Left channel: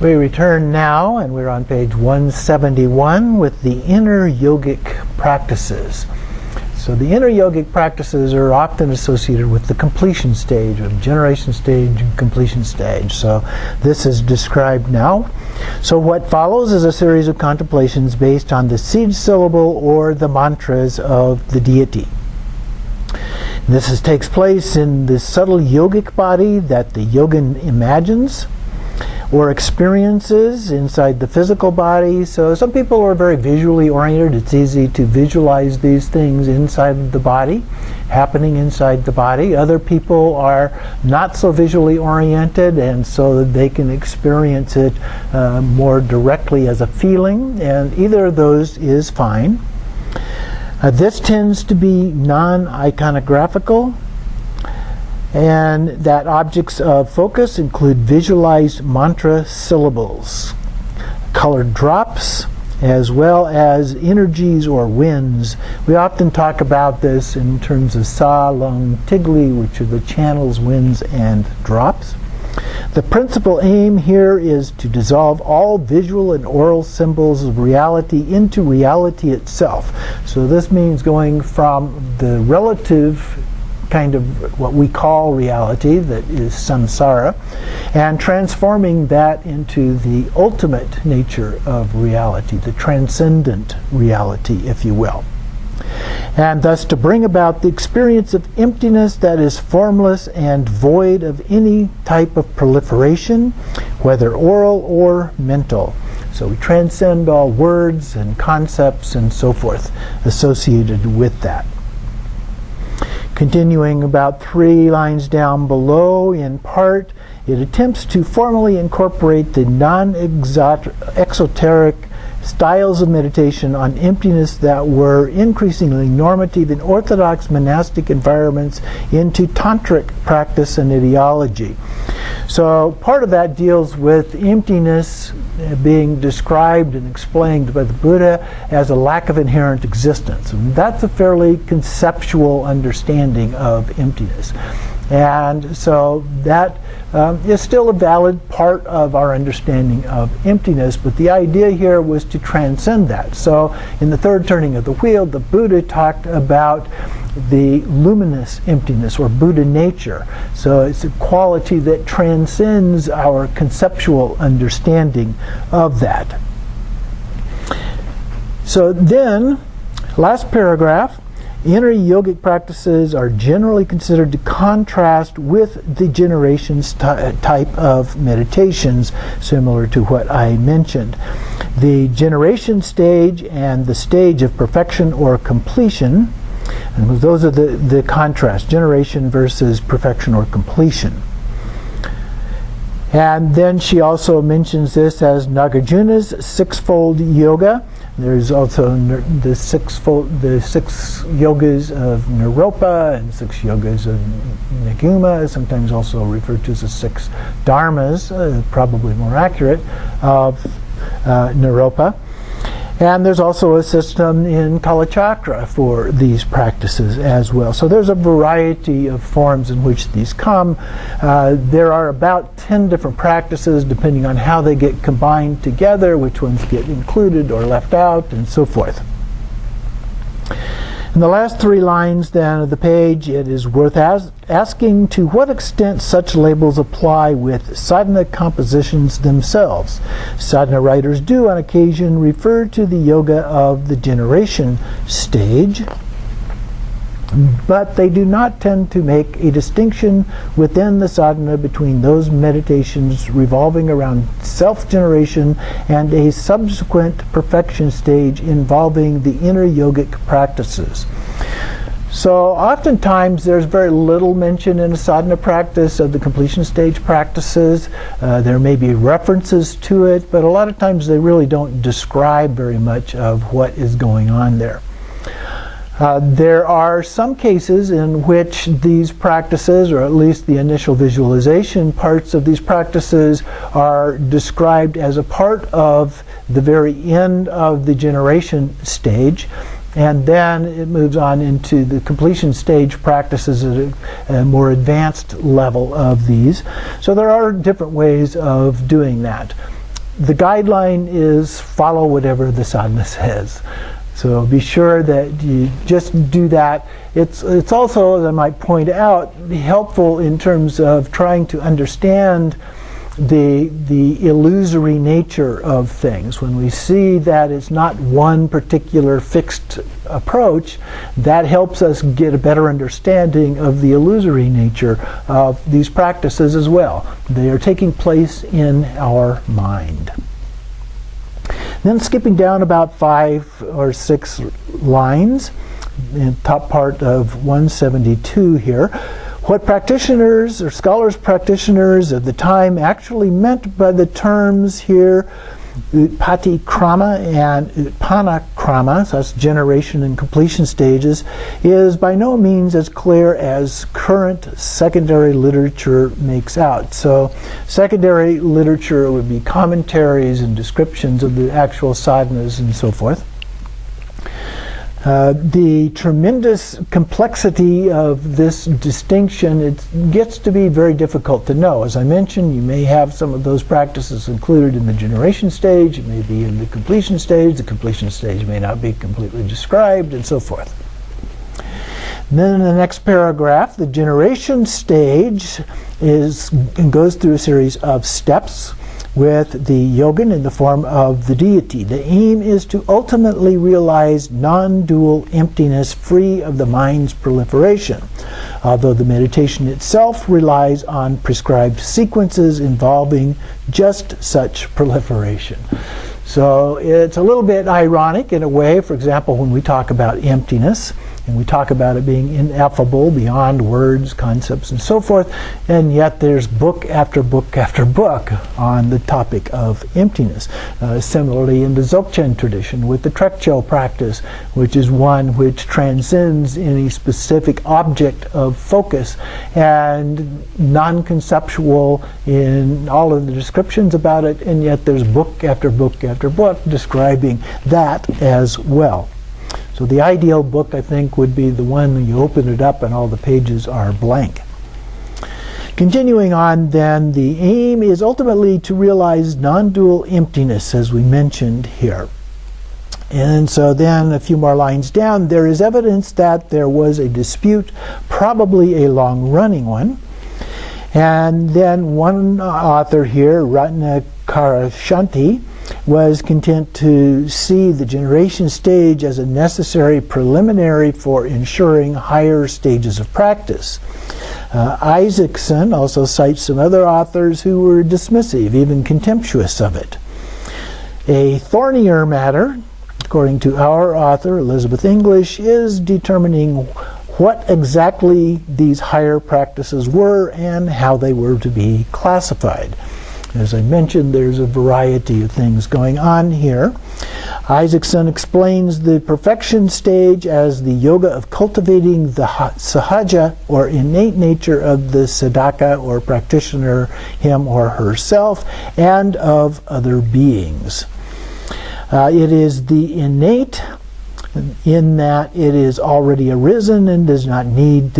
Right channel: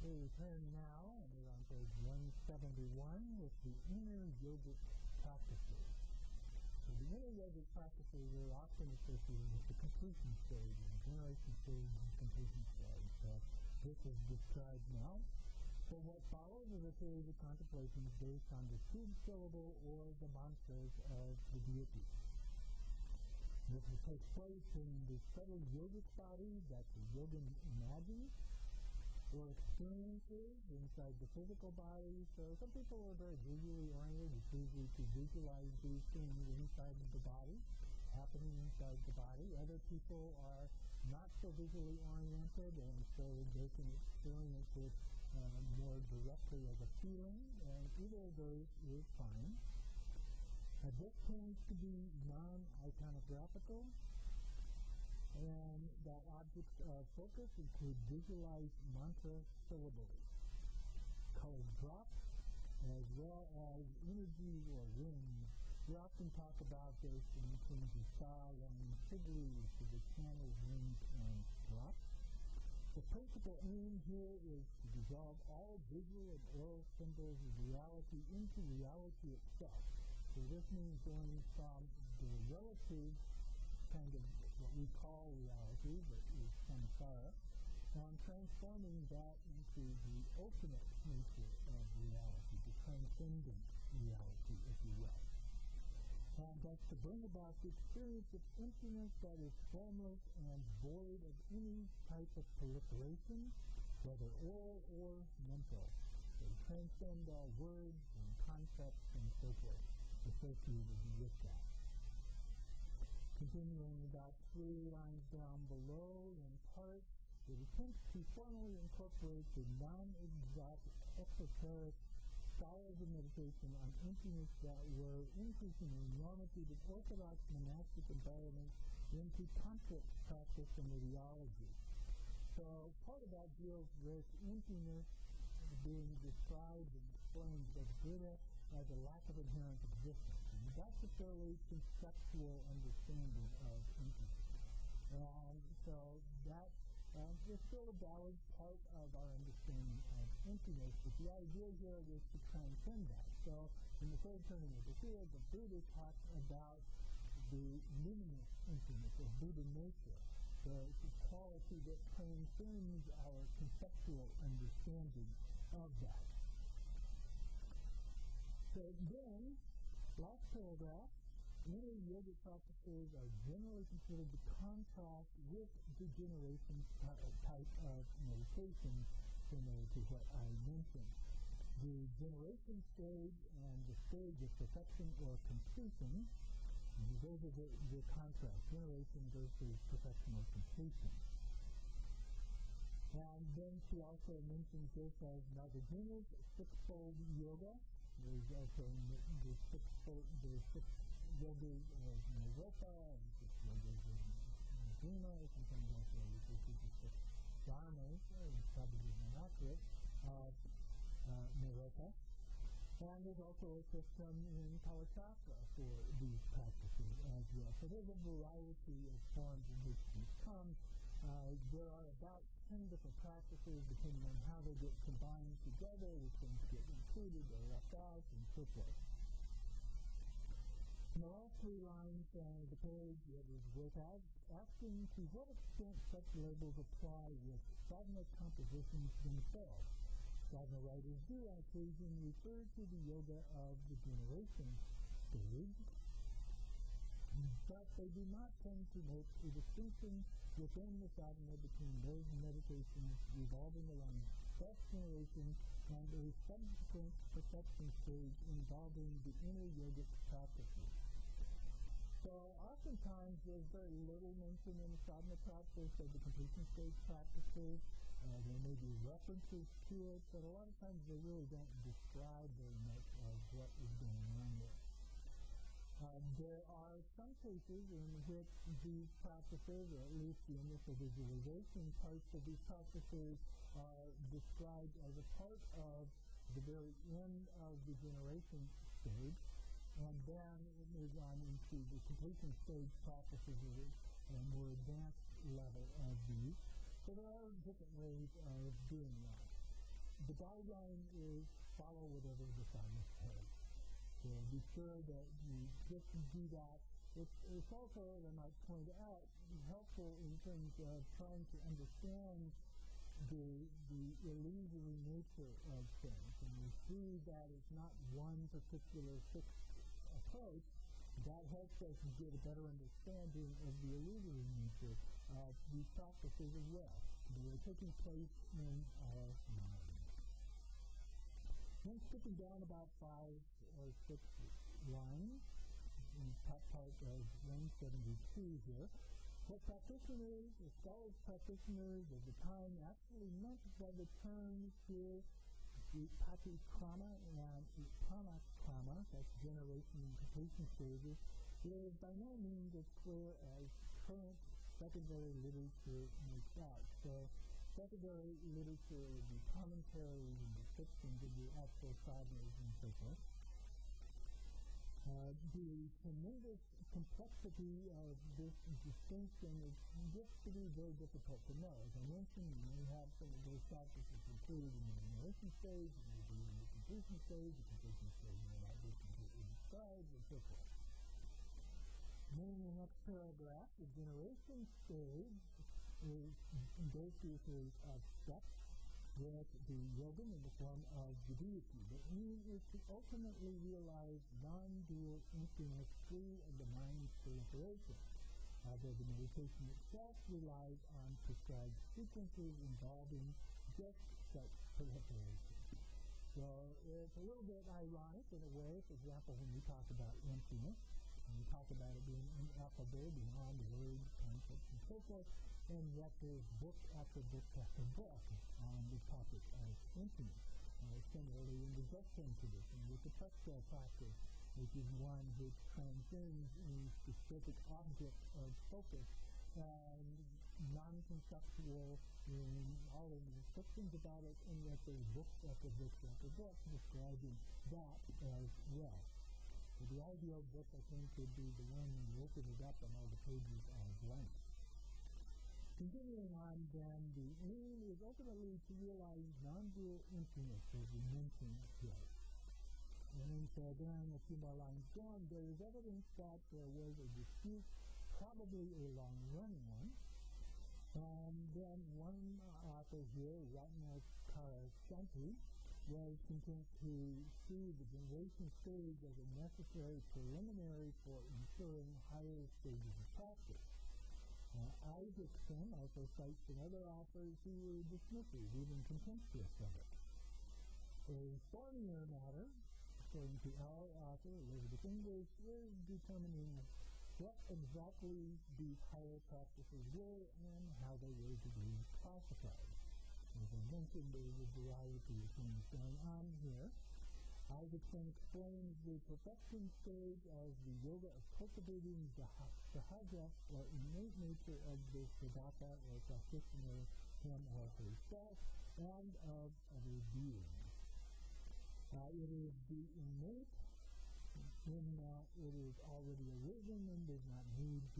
We return now, and we're on page 171 with the inner yogic practices. So the inner yogic practices are often associated with the completion stage, or generation stage and completion stage. So this is described now. So what follows is a series of contemplations based on the seed syllable or the mantras of the deity. Takes place in the subtle yogic body that the yogin imagines or experiences inside the physical body. So some people are very visually oriented. It's easy to visualize these things inside the body, happening inside the body. Other people are not so visually oriented, and so they can experience it more directly as a feeling, and either of those is fine. This tends to be non-iconographical, and that objects of focus include visualized mantra syllables, colored drops, as well as energies or winds. We often talk about this in terms of sa, lung, tigli, which are the channels, winds, and drops. The principal aim here is to dissolve all visual and oral symbols of reality into reality itself. So this means going from the relative kind of what we call reality, that is samsara, and transforming that into the ultimate nature of reality, the transcendent reality, if you will. And thus to bring about the experience of emptiness that is formless and void of any type of proliferation, whether oral or mental. So we transcend all words and concepts and so forth associated with that. Continuing about 3 lines down below, in part, it attempts to formally incorporate the non-exoteric styles of meditation on emptiness that were increasingly normative in orthodox monastic environments into tantric practice and ideology. So part of that deals with emptiness being described and explained by the Buddha as a lack of inherent existence. And that's a fairly conceptual understanding of emptiness. And so that is still a valid part of our understanding of emptiness, but the idea here was to transcend that. So in the third turning of the wheel, the Buddha talked about the luminous emptiness, or Buddha nature. So it's a quality that transcends our conceptual understanding of that. So then, last paragraph, inner yogic practices are generally considered to contrast with the generations type of meditations, similar to what I mentioned. The generation stage and the stage of perfection or completion, and those are the contrast, generation versus perfection or completion. And then she also mentions this as Nagarjuna's sixfold yoga. There's also the six yogas of Naropa and 6 yogas of Naguma, sometimes also referred to as the 6 dharmas, probably more accurate, of Naropa. And there's also a system in Kalachakra for these practices as well. So there's a variety of forms in which these come. There are about 10 different practices depending on how they get combined together, which ones get included or left out, and so forth. In the last 3 lines then of the page, it is worth asking to what extent such labels apply with sadhana compositions themselves. Sadhana writers do on occasion refer to the yoga of the generation stage, but they do not tend to make a distinction within the sadhana between those meditations revolving around self-generation and a subsequent perfection stage involving the inner yogic practices. So oftentimes there's very little mention in a sadhana practice of the completion stage practices. There may be references to it, but a lot of times they really don't describe very much of what is going on there. There are some cases in which these practices, or at least the initial visualization parts of these practices, are described as a part of the very end of the generation stage, and then it moves on into the completion stage practices at a more advanced level of these. So there are different ways of doing that. the guideline is follow whatever the sadhana says. So be sure that you just do that. It's also, as I might point out, helpful in terms of trying to understand the illusory nature of things. When we see that it's not one particular fixed approach, that helps us get a better understanding of the illusory nature of these practices as well. They are taking place in our mind. Then skipping down about 5 or 6 lines, in the top part of 172 here, what practitioners or scholars practitioners of the time actually meant by the terms here, utpatti krama and utpanna krama, so that's generation and completion stages, is by no means as clear as current secondary literature makes out. So secondary literature would be commentaries and descriptions of the actual sadhanas and so forth. The tremendous complexity of this distinction, it gets to be very difficult to know. As I mentioned, you may have some of those practices included in the generation stage, it may be in the completion stage may not be completely described, and so forth. And then in the next paragraph, the generation stage goes through a series of steps with the yogin in the form of the deity. The aim is to ultimately realize non-dual emptiness free of the mind's proliferation, although the meditation itself relies on prescribed sequences involving just such proliferation. So it's a little bit ironic in a way, for example, when we talk about emptiness, and we talk about it being ineffable, beyond words, concepts, and so forth, and yet there's book after book after book on the topic of emptiness. Similarly, in the Dzogchen tradition, with the Trekchö practice, which is one which transcends any specific object of focus, and non-conceptual in all of the descriptions about it, and yet there's book after book after book describing that as well. So the ideal book, I think, would be the one when you open it up and all the pages are blank. Continuing on then, the aim is ultimately to realize non-dual emptiness, as we mentioned here. And so then a few more lines down, there is evidence that there was a dispute, probably a long-running one. And then one author here, Ratnakarashanti, was content to see the generation stage as a necessary preliminary for ensuring higher stages of practice. Isaacson also cites some other authors who were dismissive, even contemptuous of it. A thornier matter, according to our author, Elizabeth English, is determining what exactly these higher practices were and how they were to be classified. As I mentioned, there's a variety of things going on here. Isaacson explains the perfection stage as the yoga of cultivating the sahaja, or innate nature of the sadhaka or practitioner, him or herself, and of other beings. It is the innate in that it is already arisen and does not need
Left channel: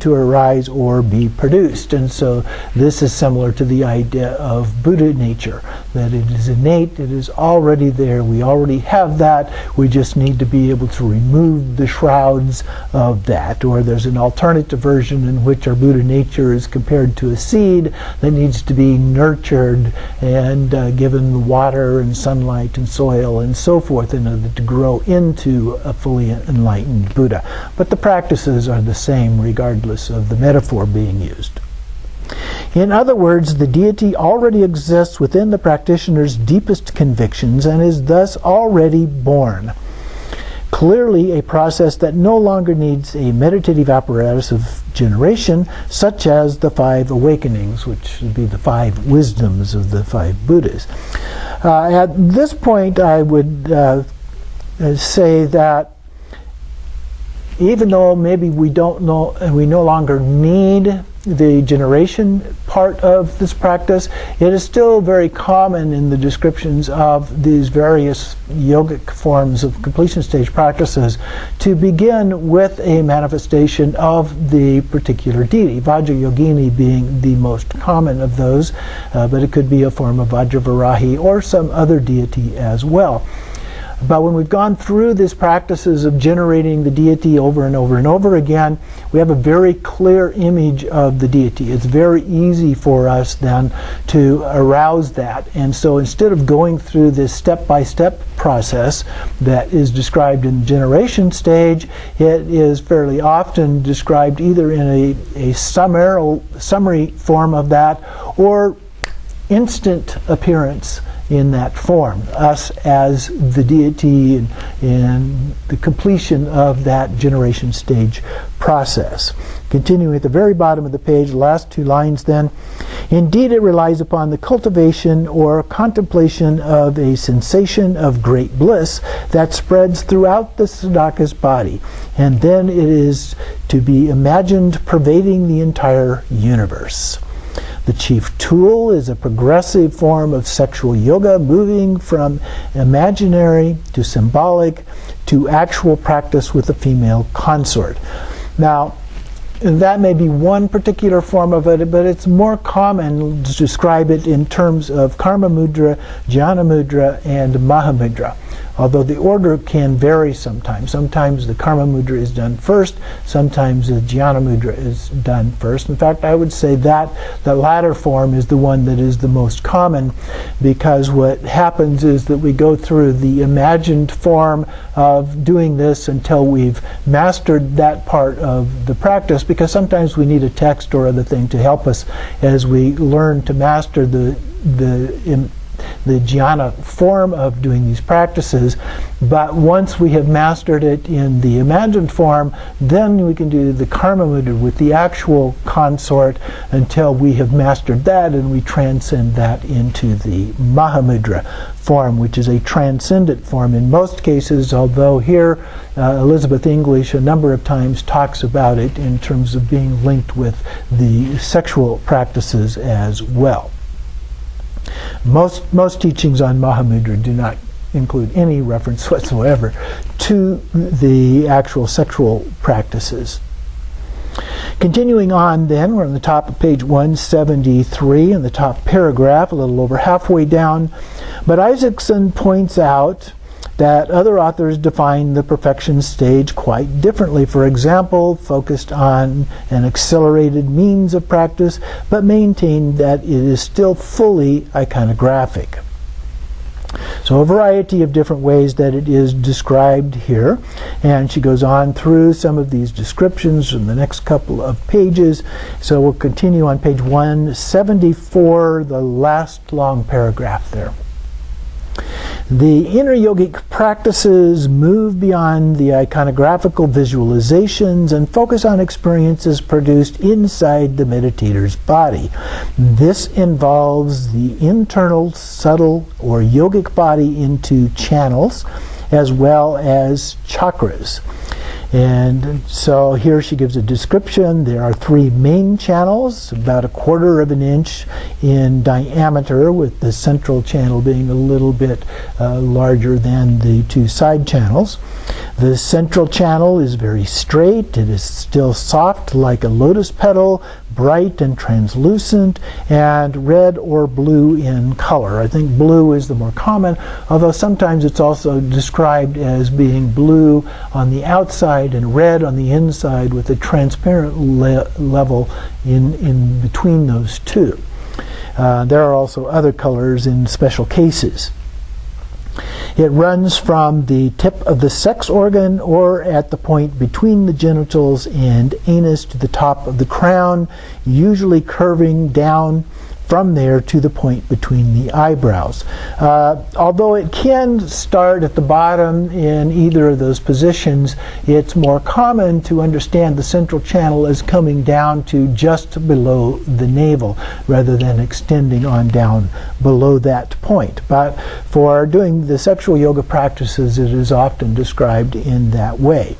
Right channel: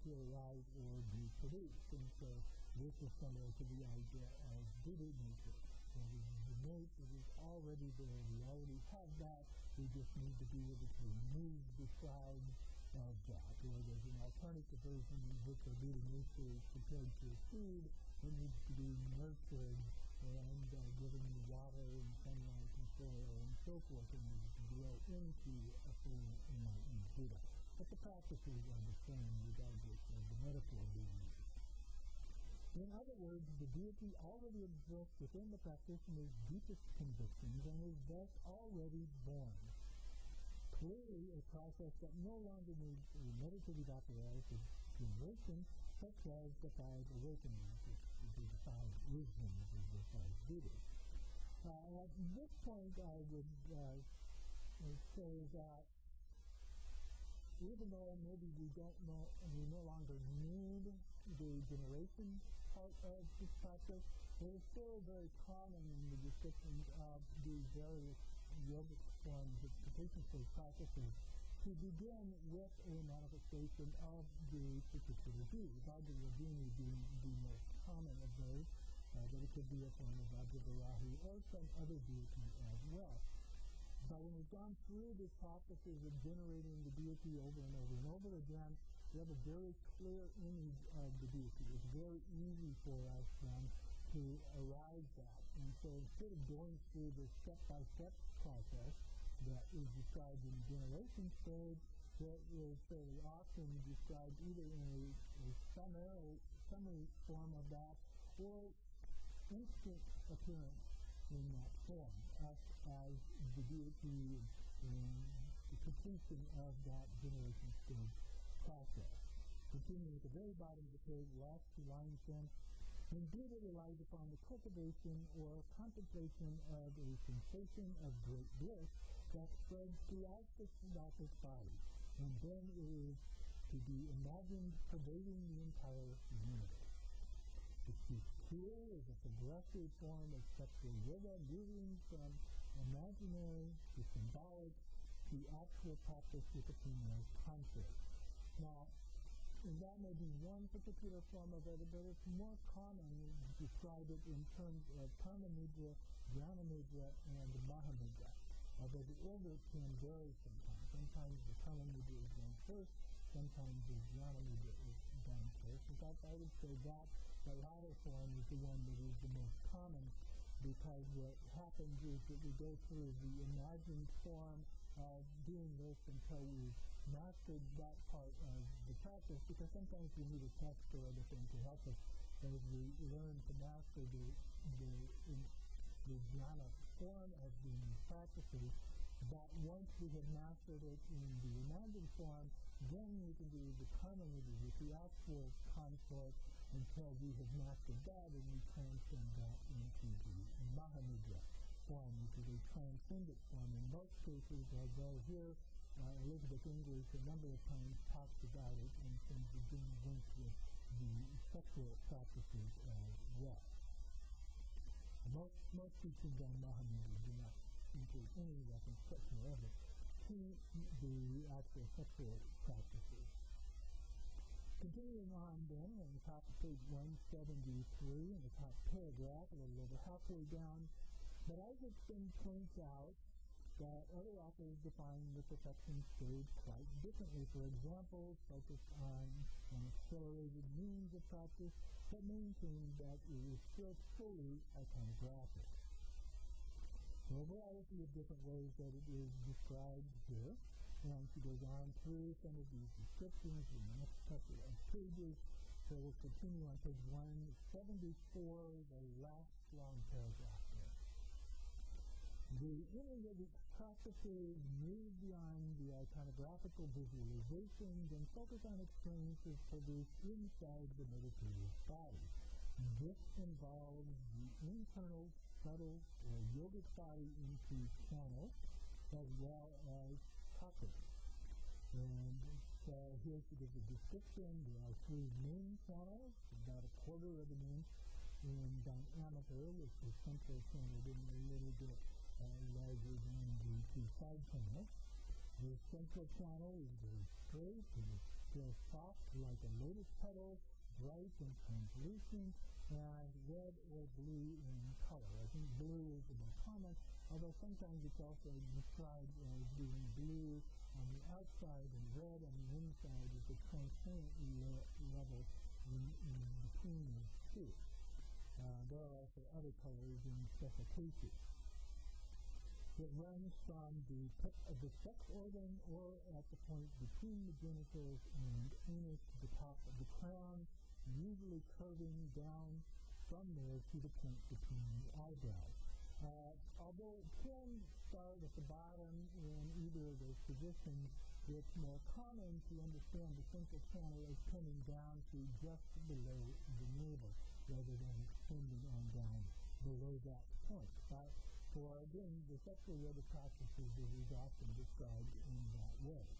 to arise or be produced. And so this is similar to the idea of Buddha nature, that it is innate, it is already there, we already have that, we just need to be able to remove the shrouds of that. Or there's an alternative version in which our Buddha nature is compared to a seed that needs to be nurtured and given water and sunlight and soil and so forth in order to grow into a fully enlightened Buddha. But the practices are the same regardless of the metaphor being used. In other words, the deity already exists within the practitioner's deepest convictions and is thus already born. Clearly a process that no longer needs a meditative apparatus of generation, such as the 5 awakenings, which would be the 5 wisdoms of the 5 Buddhas. At this point, I would say that even though maybe we no longer need the generation part of this practice, it is still very common in the descriptions of these various yogic forms of completion stage practices to begin with a manifestation of the particular deity, Vajrayogini being the most common of those, but it could be a form of Vajravarahi or some other deity as well. But when we've gone through these practices of generating the deity over and over and over again, we have a very clear image of the deity. It's very easy for us then to arouse that. And so instead of going through this step-by-step process that is described in the generation stage, it is fairly often described either in a summary form of that or instant appearance in that form, us as the deity and the completion of that generation stage process. Continuing at the very bottom of the page, the last two lines then, indeed it relies upon the cultivation or contemplation of a sensation of great bliss that spreads throughout the sadhaka's body, and then it is to be imagined pervading the entire universe. The chief tool is a progressive form of sexual yoga, moving from imaginary to symbolic to actual practice with a female consort. Now, that may be one particular form of it, but it's more common to describe it in terms of karma mudra, jhana mudra, and mahamudra. Although the order can vary sometimes. Sometimes the karma mudra is done first, sometimes the jhana mudra is done first. In fact, I would say that the latter form is the one that is the most common, because what happens is that we go through the imagined form of doing this until we've mastered that part of the practice, because sometimes we need a text or other thing to help us as we learn to master the jhana form of doing these practices. But once we have mastered it in the imagined form, then we can do the karma mudra with the actual consort until we have mastered that and we transcend that into the mahamudra form, which is a transcendent form in most cases, although here Elizabeth English a number of times talks about it in terms of being linked with the sexual practices as well. Most teachings on Mahamudra do not include any reference whatsoever to the actual sexual practices. Continuing on then, we're on the top of page 173 in the top paragraph, a little over halfway down. But Isaacson points out that other authors define the perfection stage quite differently. For example, focused on an accelerated means of practice, but maintained that it is still fully iconographic. So a variety of different ways that it is described here. And she goes on through some of these descriptions in the next couple of pages. So we'll continue on page 174, the last long paragraph there. The inner yogic practices move beyond the iconographical visualizations and focus on experiences produced inside the meditator's body. This involves the internal, subtle, or yogic body into channels, as well as chakras. And so here she gives a description. There are 3 main channels, about 1/4 of an inch in diameter, with the central channel being a little bit larger than the 2 side channels. The central channel is very straight. It is still soft like a lotus petal, bright and translucent, and red or blue in color. I think blue is the more common, although sometimes it's also described as being blue on the outside and red on the inside, with a transparent level in between those two. There are also other colors in special cases. It runs from the tip of the sex organ or at the point between the genitals and anus to the top of the crown, usually curving down from there to the point between the eyebrows. Although it can start at the bottom in either of those positions, it's more common to understand the central channel as coming down to just below the navel rather than extending on down below that point. But for doing the sexual yoga practices, it is often described in that way.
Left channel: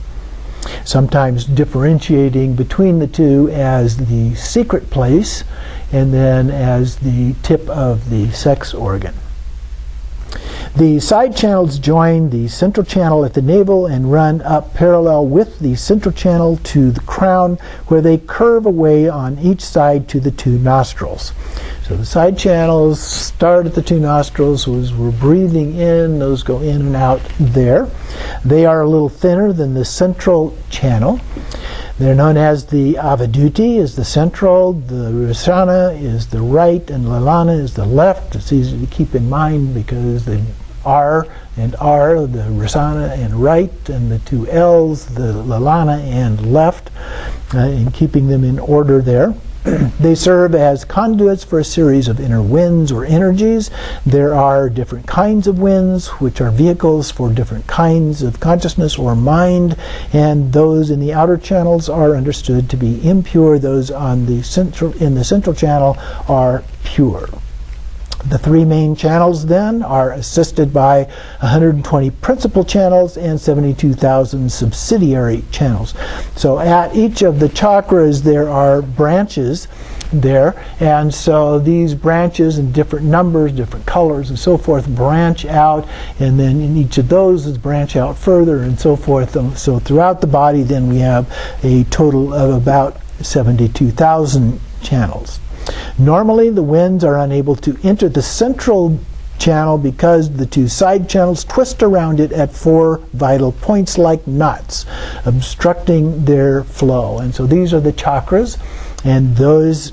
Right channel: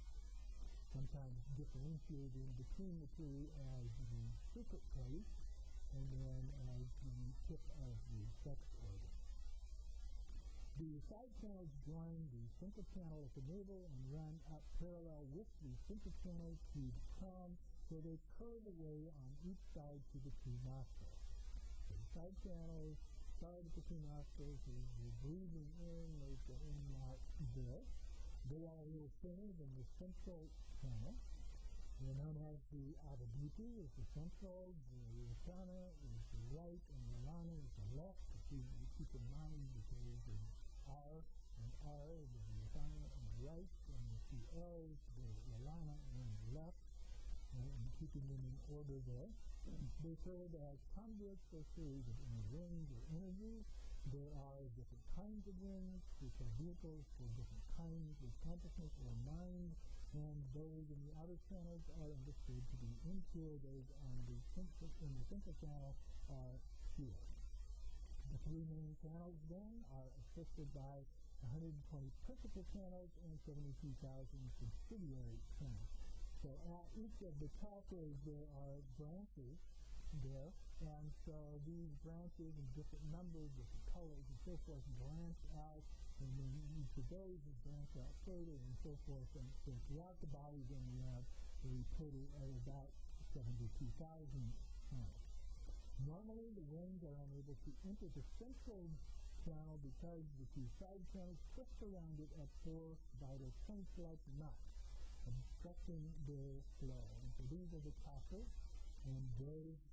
sometimes differentiating between the two as the secret place and then as the tip of the sex organ. The side channels join the central channel at the navel and run up parallel with the central channel to the crown, where they curve away on each side to the two nostrils. So the side channels start at the two nostrils. As we're breathing in, those go in and out there. They are a little thinner than the central channel. They're known as the Avaduti is the central, the Rasana is the right, and Lalana is the left. It's easy to keep in mind because the R and R, the Rasana and right, and the two L's, the Lalana and left, in keeping them in order there. They serve as conduits for a series of inner winds or energies. There are different kinds of winds, which are vehicles for different kinds of consciousness or mind, and those in the outer channels are understood to be impure. Those in the central channel are pure. The three main channels then are assisted by 120 principal channels and 72,000 subsidiary channels. So at each of the chakras there are branches there, and so these branches in different numbers, different colors and so forth branch out, and then in each of those is branch out further and so forth. So throughout the body then we have a total of about 72,000 channels. Normally the winds are unable to enter the central channel because the two side channels twist around it at 4 vital points like knots, obstructing their flow. And so these are the chakras, and those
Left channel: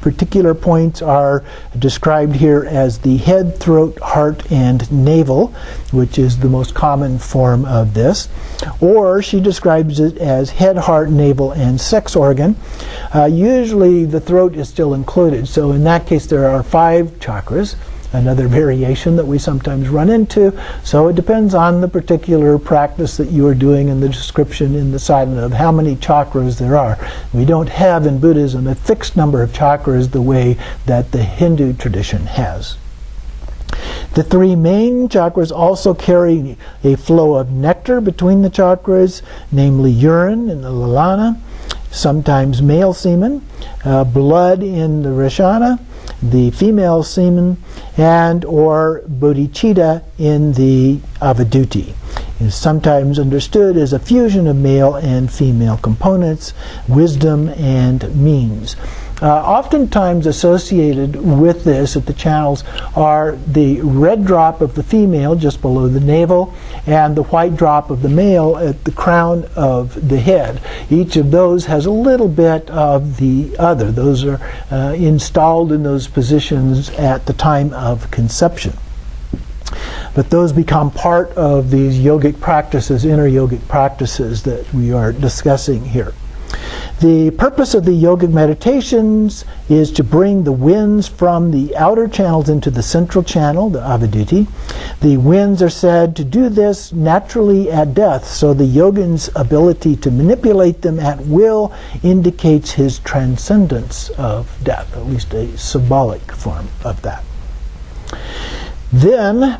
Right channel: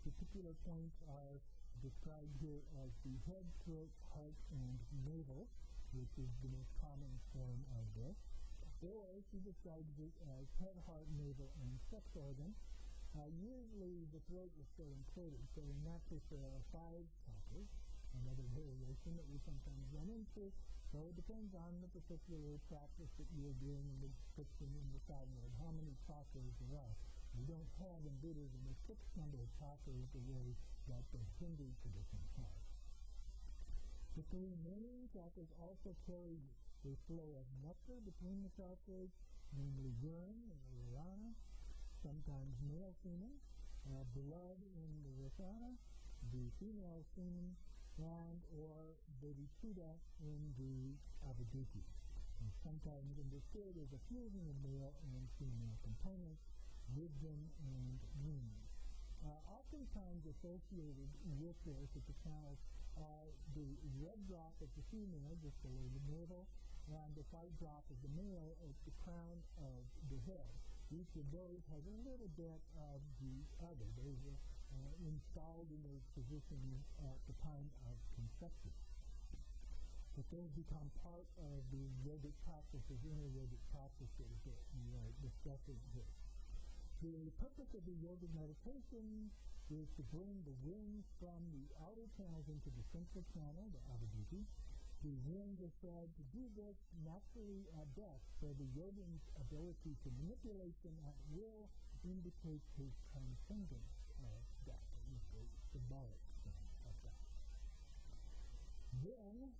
particular points are described here as the head, throat, heart, and navel, which is the most common form of this. Or she describes it as head, heart, navel, and sex organ. Usually the throat is still included, so in that case there are 5 chakras, another variation that we sometimes run into. So it depends on the particular practice that you are doing and the description in the sadhana of how many chakras there are. We don't have in Buddhism a fixed number of chakras the way that the Hindu tradition has. The 3 main chakras also carry a flow of nectar between the chakras, namely urine in the Lalana, sometimes male semen, blood in the Rashana, the female semen, and or bodhicitta in the Avaduti. It is sometimes understood as a fusion of male and female components, wisdom and means. Oftentimes associated with this at the channels are the red drop of the female just below the navel and the white drop of the male at the crown of the head. Each of those has a little bit of the other. Those are installed in those positions at the time of conception. But those become part of these yogic practices, inner yogic practices that we are discussing here. The purpose of the yogic meditations is to bring the winds from the outer channels into the central channel, the Avaduti. The winds are said to do this naturally at death, so the yogin's ability to manipulate them at will indicates his transcendence of death, at least a symbolic form of that. Then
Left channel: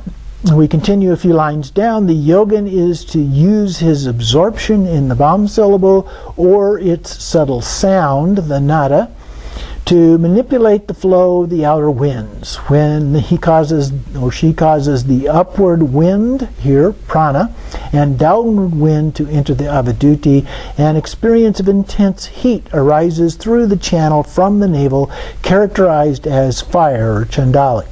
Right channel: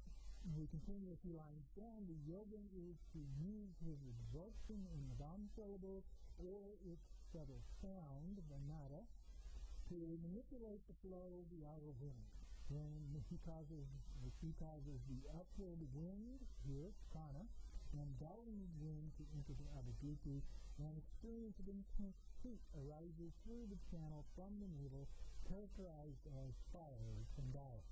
we continue a few lines down. The yogin is to use his absorption in the Vam syllable or its subtle sound, the nada, to manipulate the flow of the outer winds. When he causes or she causes the upward wind, here, prana, and downward wind to enter the Avaduti, an experience of intense heat arises through the channel from the navel, characterized as fire or chandali.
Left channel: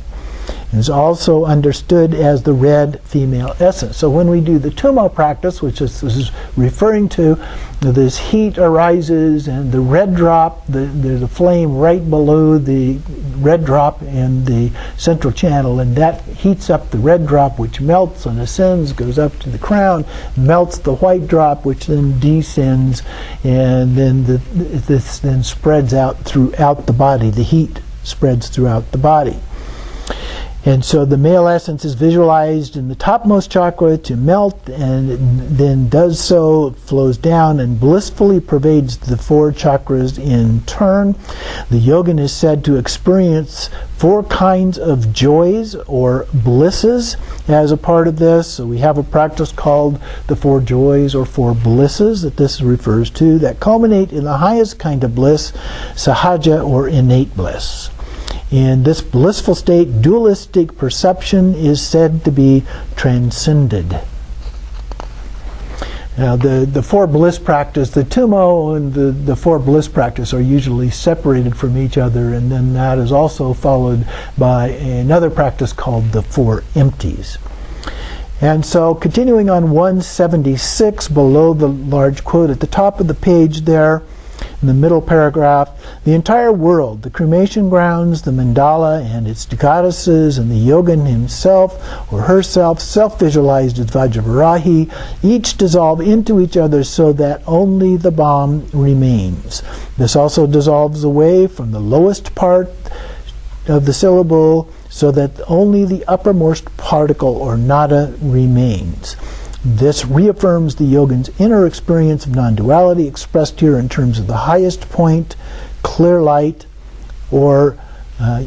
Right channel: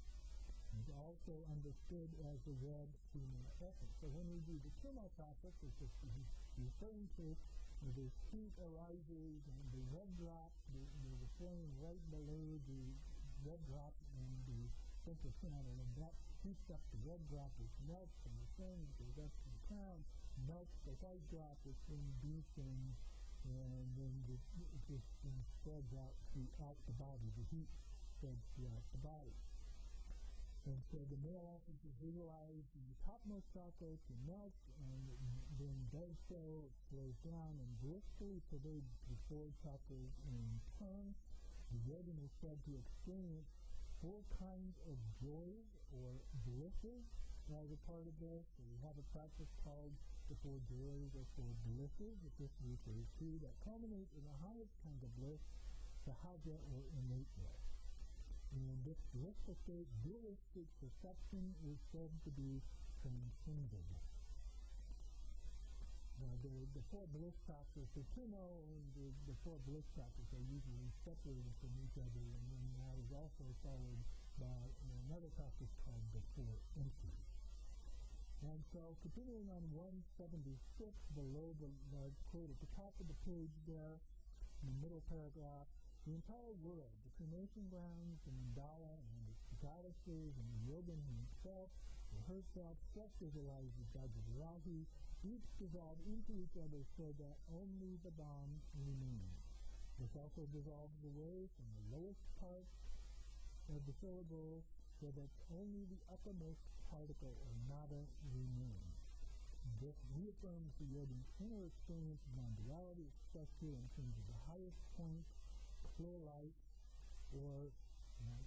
It is also understood as the red female essence. So when we do the Tummo practice, which this is referring to, this heat arises and the red drop, there's a flame right below the red drop in the central channel, and that heats up the red drop, which melts and ascends, goes up to the crown, melts the white drop, which then descends, and then this then spreads out throughout the body. The heat spreads throughout the body. And so the male essence is visualized in the topmost chakra to melt, and it then does so, flows down and blissfully pervades the 4 chakras in turn. The yogin is said to experience 4 kinds of joys or blisses as a part of this. So we have a practice called the 4 joys or 4 blisses that this refers to that culminate in the highest kind of bliss, sahaja or innate bliss. In this blissful state, dualistic perception is said to be transcended. Now, the 4 bliss practice, the Tummo and the 4 bliss practice are usually separated from each other, and then that is also followed by another practice called the 4 empties. And so, continuing on 176, below the large quote at the top of the page there, in the middle paragraph, the entire world, the cremation grounds, the mandala and its goddesses, and the yogin himself or herself, self-visualized as Vajravarahi, each dissolve into each other so that only the bomb remains. This also dissolves away from the lowest part of the syllable so that only the uppermost particle or nada remains. This reaffirms the yogin's inner experience of non-duality, expressed here in terms of the highest point, clear light, or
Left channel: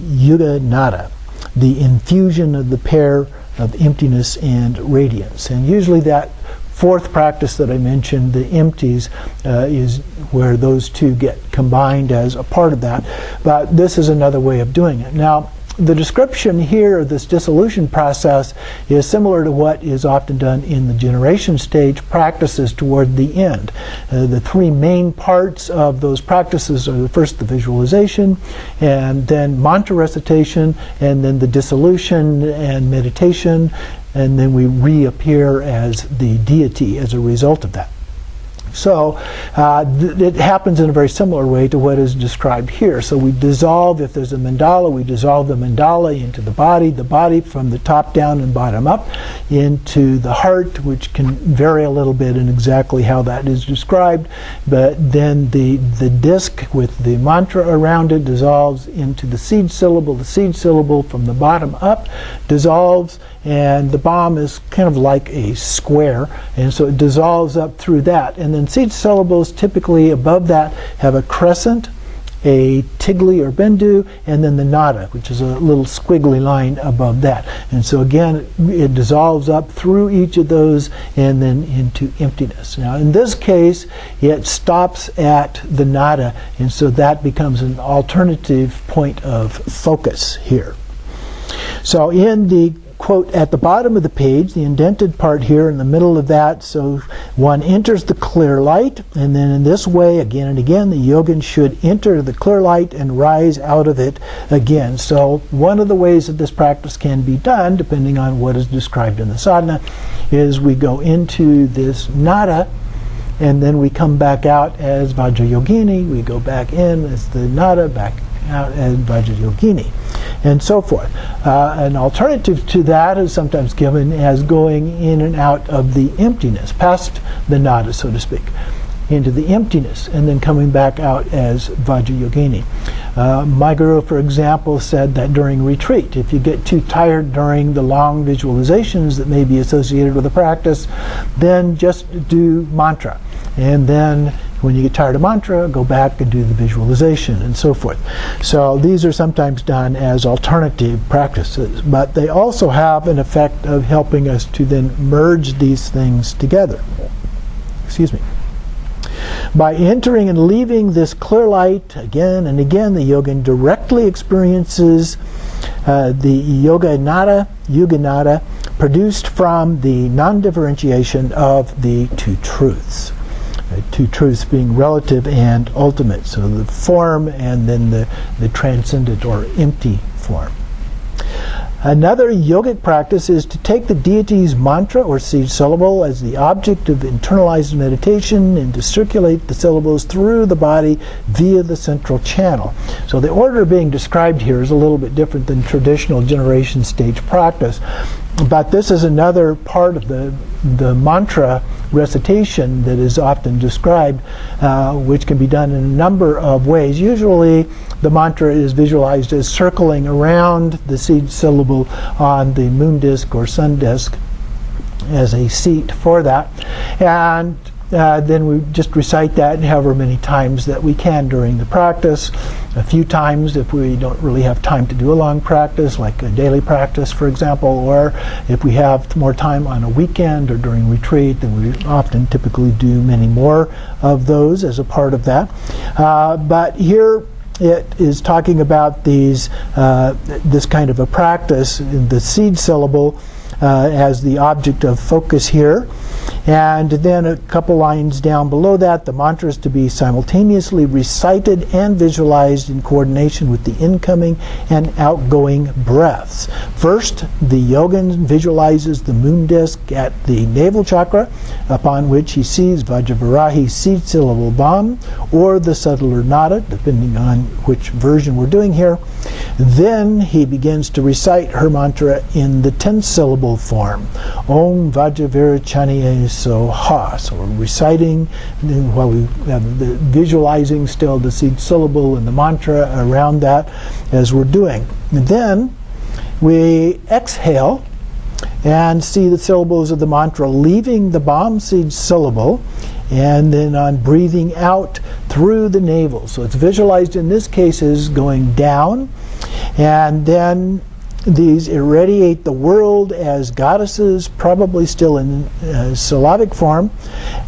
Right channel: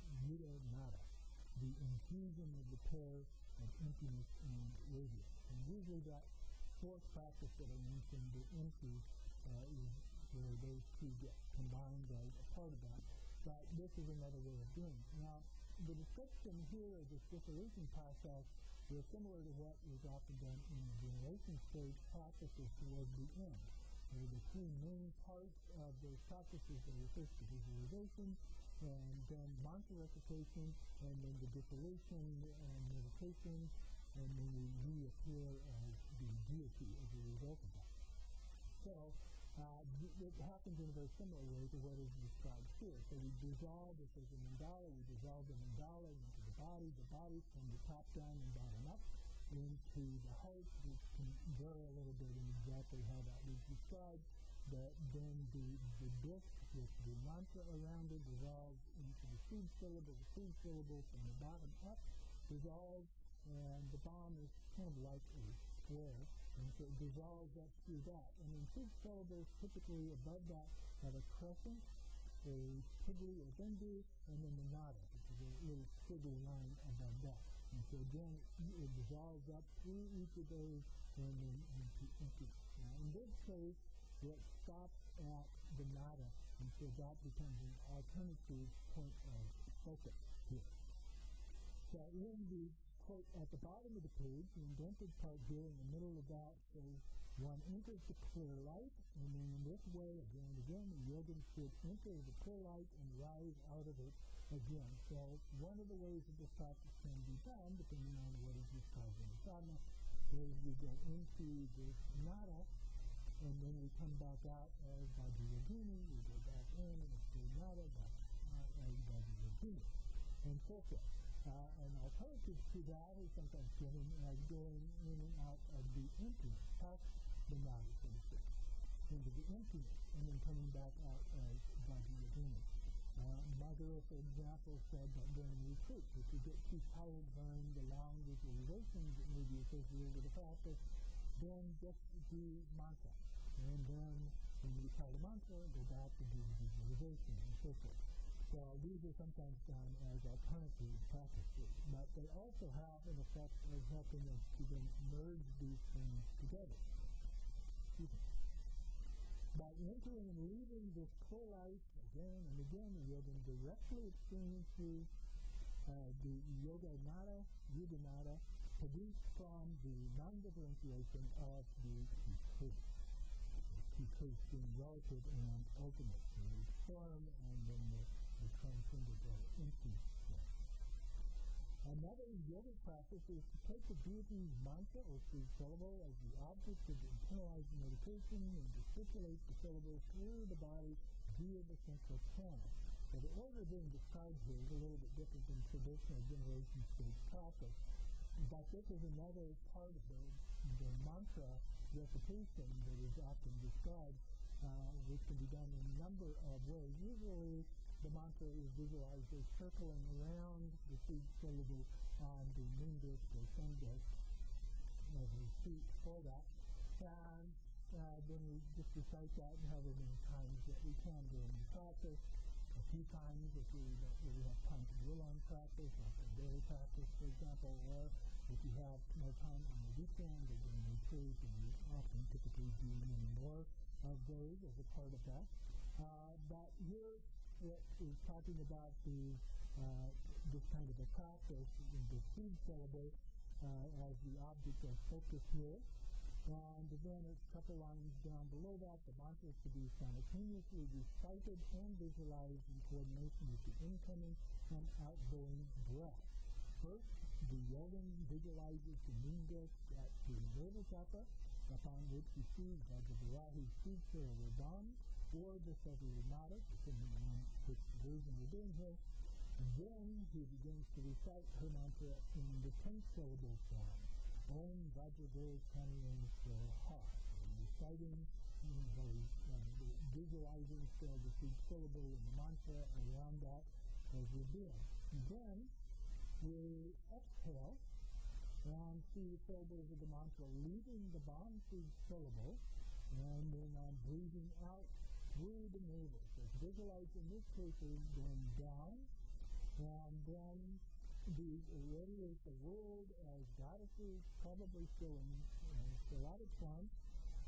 yuga nada, the infusion of the pair of emptiness and radiance. And usually that 4th practice that I mentioned, the empties, is where those 2 get combined as a part of that. But this is another way of doing it. Now, the description here of this dissolution process is similar to what is often done in the generation stage practices toward the end. The 3 main parts of those practices are first the visualization, and then mantra recitation, and then the dissolution and meditation, and then we reappear as the deity as a result of that. So it happens in a very similar way to what is described here. So we dissolve, if there's a mandala, we dissolve the mandala into the body from the top down and bottom up, into the heart, which can vary a little bit in exactly how that is described. But then the disc with the mantra around it dissolves into the seed syllable. The seed syllable from the bottom up dissolves, and the bomb is kind of like a square, and so it dissolves up through that. And then seed syllables typically above that have a crescent, a tigli or bindu, and then the nada, which is a little squiggly line above that. And so again, it dissolves up through each of those and then into emptiness. Now in this case, it stops at the nada, and so that becomes an alternative point of focus here. So in the quote at the bottom of the page, the indented part here in the middle of that, so one enters the clear light, and then in this way, again and again, the yogin should enter the clear light and rise out of it again. So one of the ways that this practice can be done, depending on what is described in the sadhana, is we go into this nada, and then we come back out as Vajrayogini. We go back in as the nada, back out as Vajrayogini, and so forth. An alternative to that is sometimes given as going in and out of the emptiness, past the nada, so to speak, into the emptiness, and then coming back out as Vajrayogini. My guru, for example, said that during retreat, if you get too tired during the long visualizations that may be associated with the practice, then just do mantra. And then when you get tired of mantra, go back and do the visualization and so forth. So these are sometimes done as alternative practices, but they also have an effect of helping us to then merge these things together. Excuse me. By entering and leaving this clear light again and again, the yogin directly experiences the yoga nada produced from the non-differentiation of the 2 truths. 2 truths being relative and ultimate, so the form and then the transcendent or empty form. Another yogic practice is to take the deity's mantra or seed syllable as the object of internalized meditation and to circulate the syllables through the body via the central channel. So the order being described here is a little bit different than traditional generation stage practice. But this is another part of the mantra recitation that is often described, which can be done in a number of ways. Usually the mantra is visualized as circling around the seed syllable on the moon disk or sun disk as a seat for that. And then we just recite that however many times that we can during the practice. A few times if we don't really have time to do a long practice, like a daily practice, for example, or if we have more time on a weekend or during retreat, then we often typically do many more of those as a part of that. But here it is talking about this kind of a practice, the seed syllable as the object of focus here. And then a couple lines down below that, the mantra is to be simultaneously recited and visualized in coordination with the incoming and outgoing breaths. First, the yogin visualizes the moon disk at the navel chakra, upon which he sees Vajravarahi seed syllable Bam, or the subtler nada, depending on which version we're doing here. Then he begins to recite her mantra in the 10-syllable form. Om Vajrayogini so ha. So we're reciting while we have the visualizing still the seed syllable and the mantra around that as we're doing. And then we exhale and see the syllables of the mantra leaving the Bam seed syllable, and then on breathing out through the navel. So it's visualized in this case as going down, and then these irradiate the world as goddesses, probably still in syllabic form,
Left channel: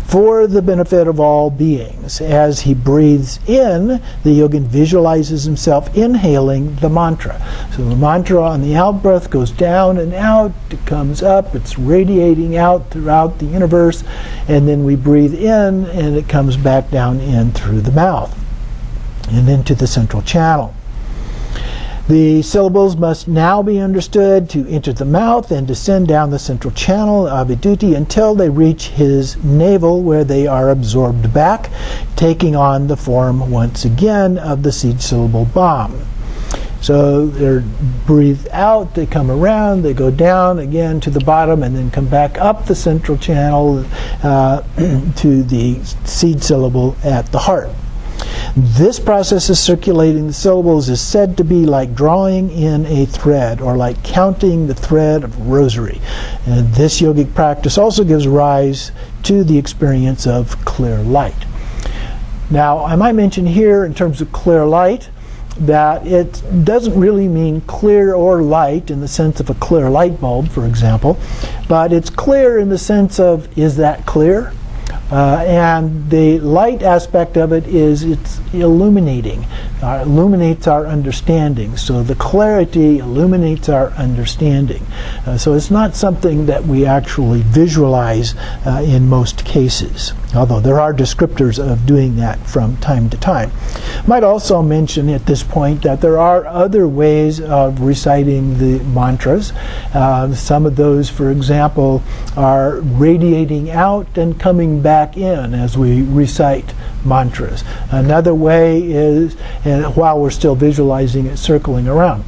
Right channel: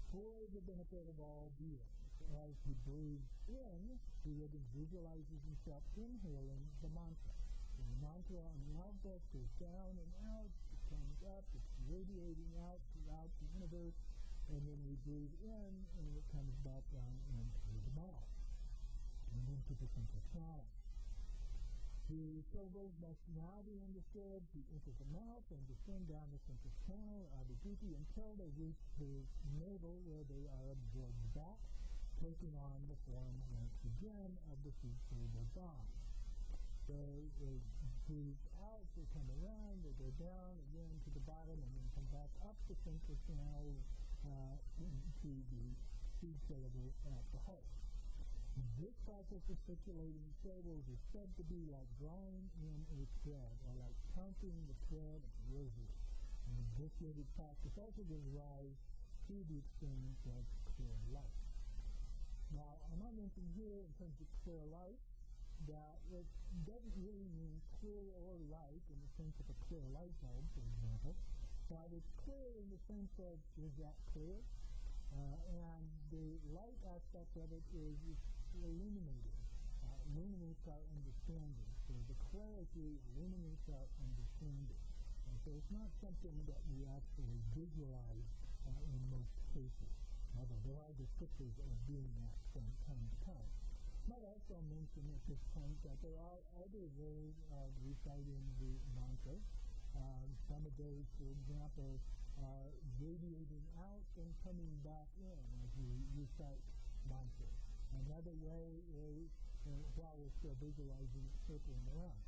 for the benefit of all beings. As he breathes in, the yogin visualizes himself inhaling the mantra. So the mantra on the out breath goes down and out, it comes up, it's radiating out throughout the universe, and then we breathe in and it comes back down in through the mouth and into the central channel. The syllables must now be understood to enter the mouth and descend down the central channel, Aviduti, until they reach his navel, where they are absorbed back, taking on the form once again of the seed syllable Bam. So they're breathed out, they come around, they go down again to the bottom, and then come back up the central channel to the seed syllable at the heart. This process of circulating the syllables is said to be like drawing in a thread, or like counting the thread of a rosary. And this yogic practice also gives rise to the experience of clear light. Now, I might mention here, in terms of clear light, that it doesn't really mean clear or light in the sense of a clear light bulb, for example, but it's clear in the sense of, is that clear? And the light aspect of it is it's illuminating, illuminates our understanding. So the clarity illuminates our understanding. So it's not something that we actually visualize in most cases, although there are descriptors of doing that from time to time. Might also mention at this point that there are other ways of reciting the mantras. Some of those, for example, are radiating out and coming back in as we recite mantras. Another way is, while we're still visualizing it circling around.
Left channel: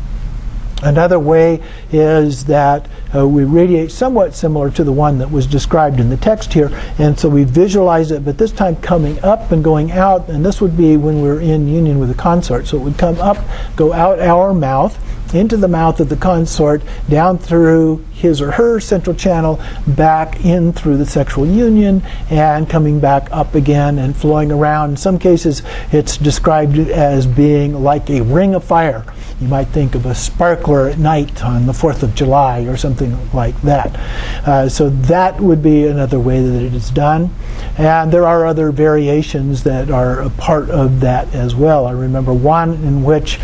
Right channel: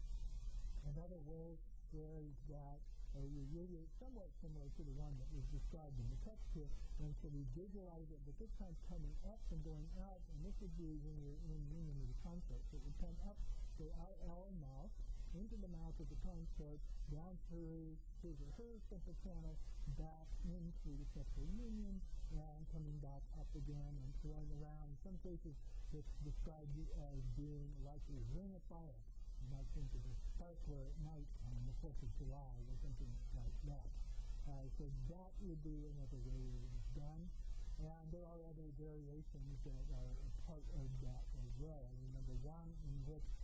Another way is that we radiate somewhat similar to the one that was described in the text here, and so we visualize it, but this time coming up and going out, and this would be when we're in union with the consort. So it would come up, go out our mouth, into the mouth of the consort, down through his or her central channel, back in through the sexual union, and coming back up again and flowing around. In some cases, it's described as being like a ring of fire. You might think of a sparkler at night on the 4th of July or something like that. So that would be another way that it is done. And there are other variations that are a part of that as well. I remember one in which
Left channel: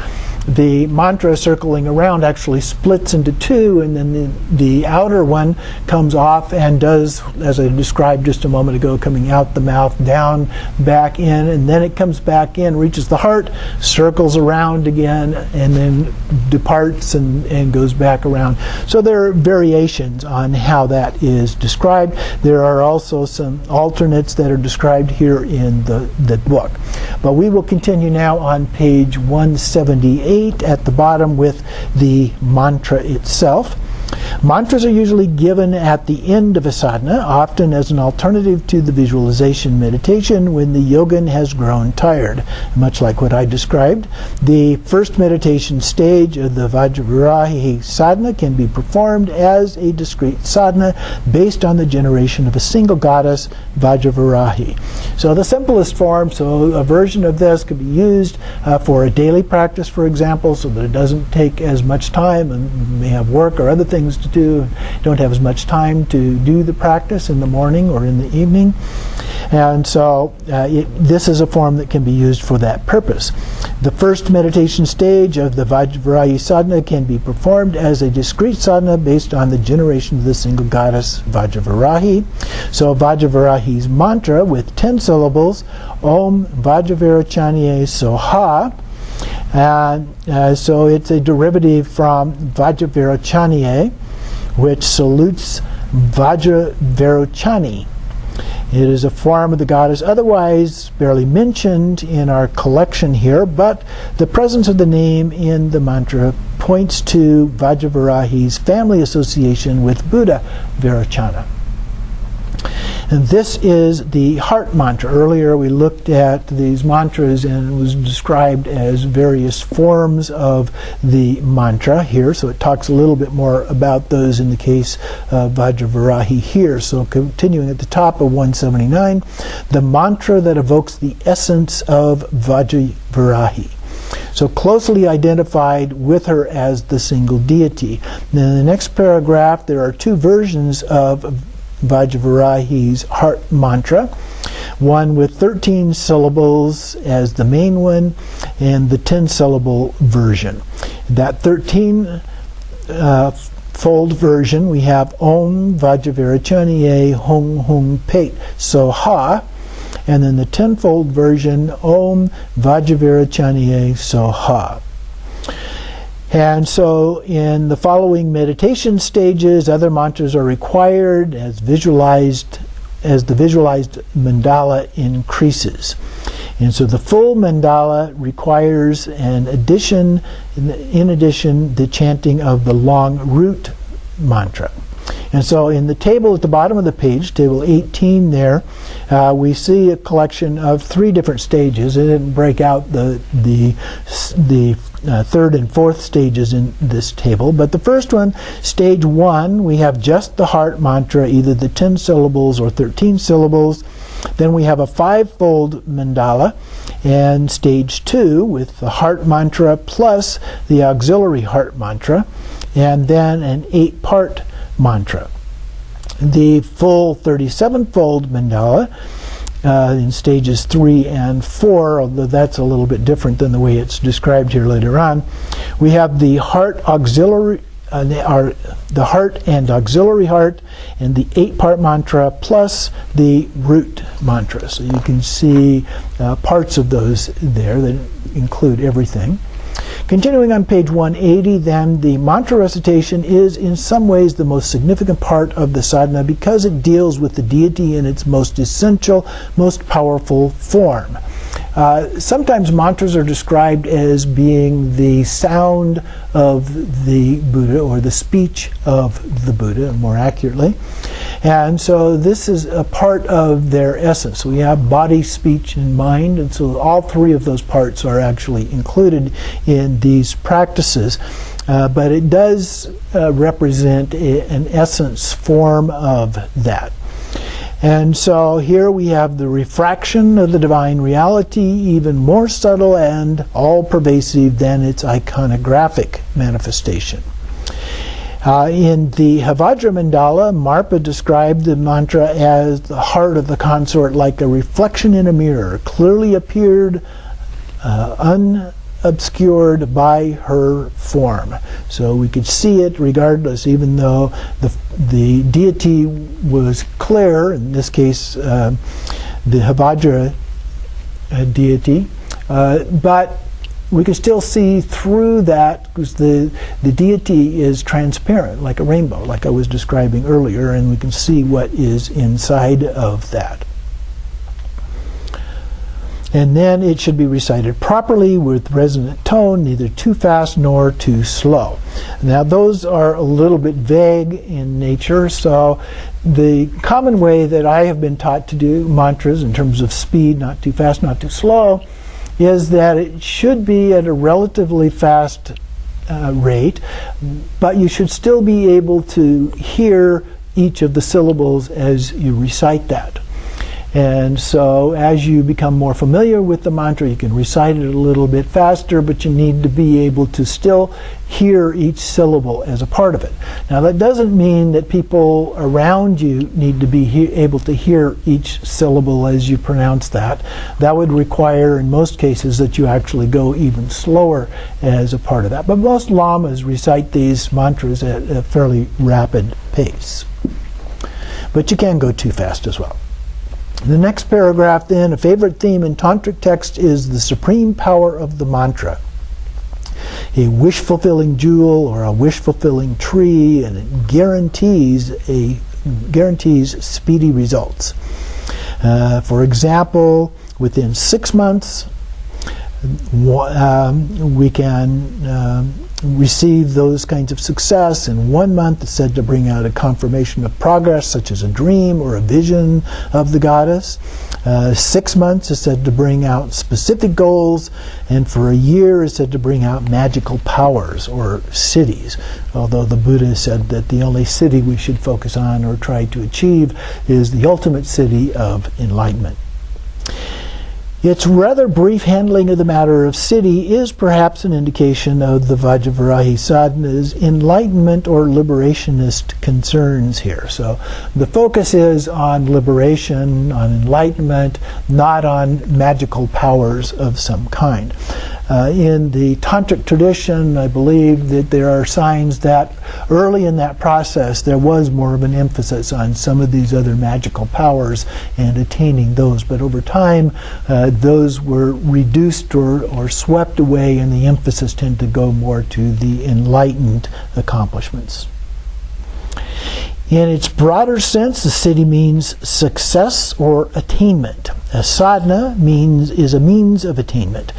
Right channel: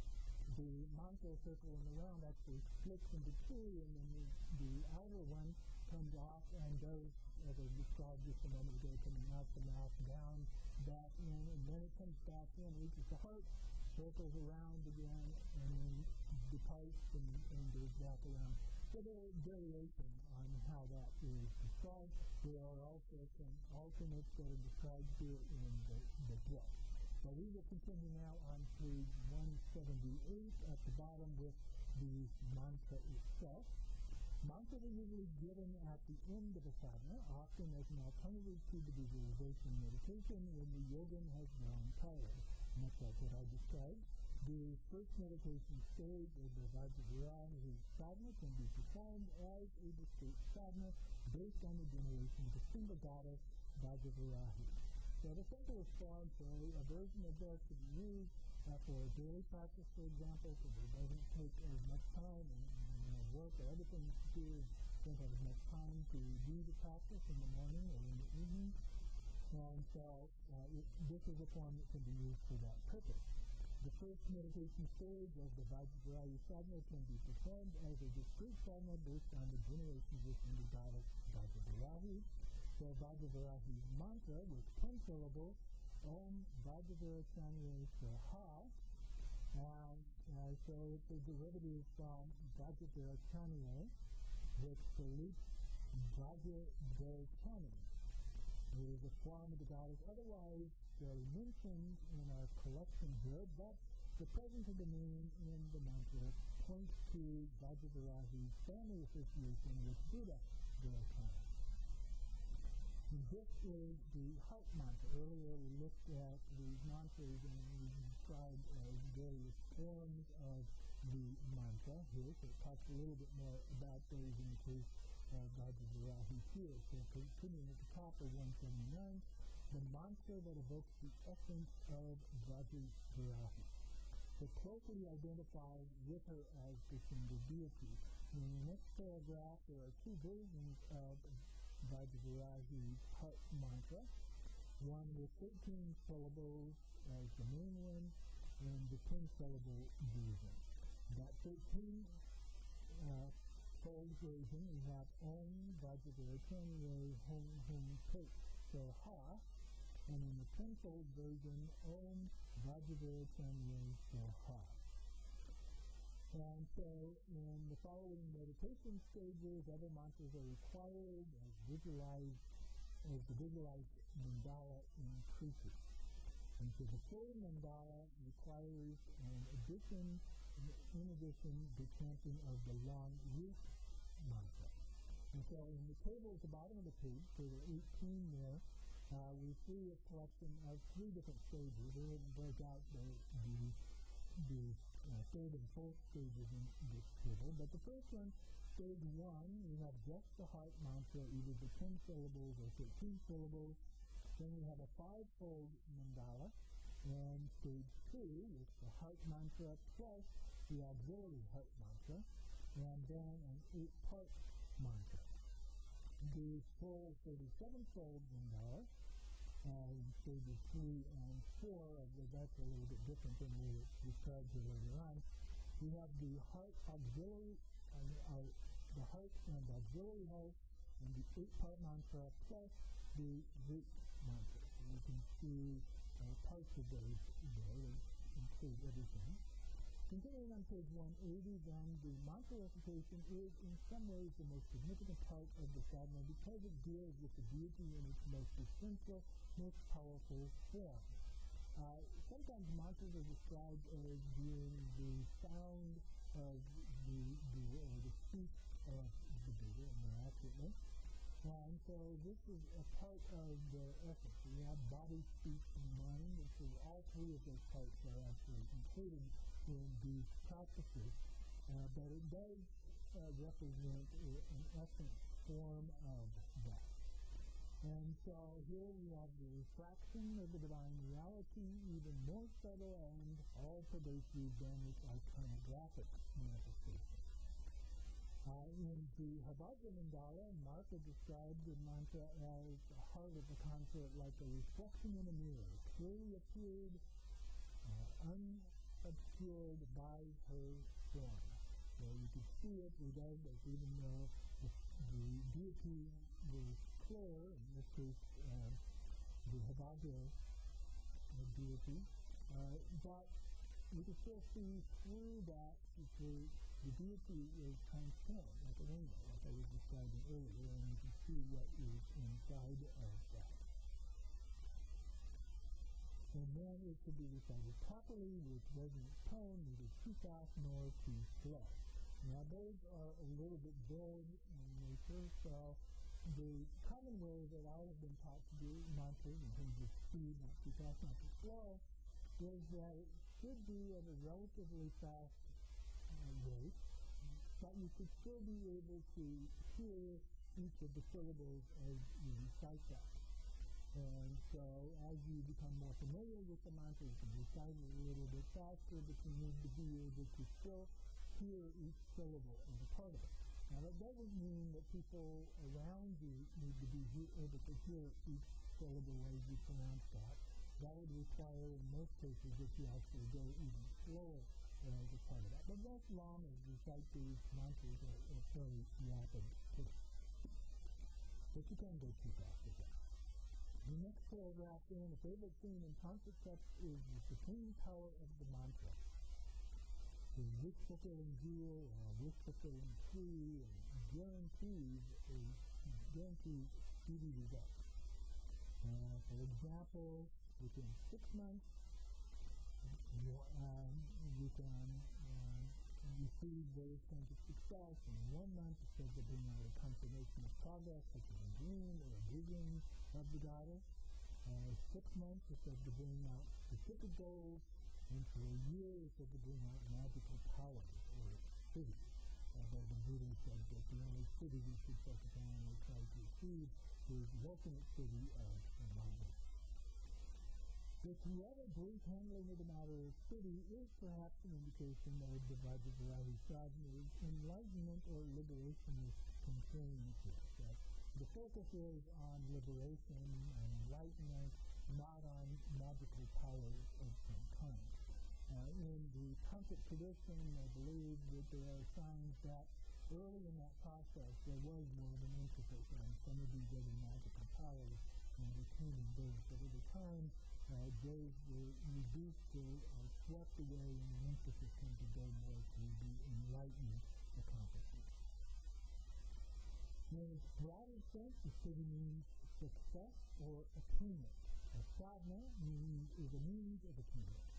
the mantra circling around actually splits into two, and then the outer one comes off and does, as I described just a moment ago, coming out the mouth, down, back in, and then it comes back in, reaches the heart, circles around again, and then departs and goes back around. So there are variations on how that is described. There are also some alternates that are described here in the book. But we will continue now on page 178 at the bottom with the mantra itself. Mantras are usually given at the end of a sadhana, often as an alternative to the visualization meditation when the yogin has grown tired. Much like what I described, the first meditation stage of the Vajravarahi Sadhana can be performed as a discrete sadhana based on the generation of a single goddess, Vajravarahi. So the simplest form, so a version of this could be used for a daily practice, for example, so that it doesn't take as much time, and you may have work or other things to do, don't have as much time to do the practice in the morning or in the evening. And so this is a form that can be used for that purpose. The first meditation stage of the Vajravarahi Sadhana can be performed as a discrete sadhana based on the generation of the single goddess Vajravarahi. So Vajravarahi's mantra with 10 syllables, Om Vajravarachanye Soha. And so it's a derivative from Vajravarachanye, which salutes Vajravarachani. It is a form of the goddess otherwise barely mentioned in our collection here, but the presence of the name in the mantra points to Vajravarahi's family association with Buddha Virachana. And this is the heart mantra. Earlier we looked at these mantras and it was described as various forms of the mantra here. So it talks a little bit more about those in the case of Vajravarahi here. So continuing at the top of 179, the mantra that evokes the essence of Vajravarahi. So closely identified with her as the single deity. Then in the next paragraph there are two versions of Vajravarahi's heart mantra, one with 13 syllables as the main one and the 10-syllable version. That 13-fold version we have Om Vajravarachanye Hung Hung Pet Soha, and then the 10-fold version Om Vajravarachanye Soha. And so in the following meditation stages, other mantras are required as the visualized mandala increases. And so the full mandala requires in addition, the chanting of the long root mantra. And so in the table at the bottom of the page, table 18 there, we see a collection of 3 different stages. It didn't break out the third and fourth stages in this table. But the first one, stage 1, we have just the heart mantra, either the 10 syllables or 13 syllables. Then we have a 5-fold mandala. And stage 2 with the heart mantra plus the auxiliary heart mantra. And then an 8-part mantra. The full 37-fold mandala in stages 3 and 4, although that's a little bit different than the way it's described here later on. We have the heart auxiliary, the heart and auxiliary heart, and the 8-part mantra plus the root mantra. So you can see parts of those there that include everything. Continuing on page 180, then, the mantra recitation is in some ways the most significant part of the sadhana because it deals with the deity in its most essential, most powerful form. Sometimes mantras are described as being the sound of the Buddha or the speech of the Buddha, more accurately. And so this is a part of their essence. We have body, speech, and mind, and so all 3 of those parts are actually included in these practices. But it does represent an essence form of that. And so here we have the refraction of the divine reality, even more subtle and all-pervasive than its iconographic manifestation. In the Vajra Mandala, Marpa described the mantra as the heart of the consort like a reflection in a mirror, clearly appeared unobscured by her form. So we could see it regardless, even though the deity was clear, in this case the Vajra deity, but we can still see through that because the deity is transparent, like a rainbow, like I was describing earlier, and we can see what is inside of that. And then it should be recited properly with resonant tone, neither too fast nor too slow. Now those are a little bit vague in nature, so the common way that I have been taught to do mantras in terms of speed, not too fast, not too slow, is that it should be at a relatively fast rate, but you should still be able to hear each of the syllables as you recite that. And so as you become more familiar with the mantra, you can recite it a little bit faster, but you need to be able to still hear each syllable as a part of it. Now that doesn't mean that people around you need to be able to hear each syllable as you pronounce that. That would require, in most cases, that you actually go even slower as a part of that. But most lamas recite these mantras at a fairly rapid pace. But you can go too fast as well. The next paragraph then, a favorite theme in tantric text is the supreme power of the mantra. A wish-fulfilling jewel or a wish-fulfilling tree, and it guarantees speedy results. For example, within 6 months, we can receive those kinds of success. In 1 month, it's said to bring out a confirmation of progress, such as a dream or a vision of the goddess. 6 months is said to bring out specific goals, and for a year is said to bring out magical powers or cities. Although the Buddha said that the only city we should focus on or try to achieve is the ultimate city of enlightenment. Its rather brief handling of the matter of city is perhaps an indication of the Vajravarahi Sadhana's enlightenment or liberationist concerns here. So the focus is on liberation, on enlightenment, not on magical powers of some kind. In the tantric tradition, I believe that there are signs that early in that process there was more of an emphasis on some of these other magical powers and attaining those. But over time, those were reduced or swept away, and the emphasis tended to go more to the enlightened accomplishments. In its broader sense, the city means success or attainment. A sadhana is a means of attainment.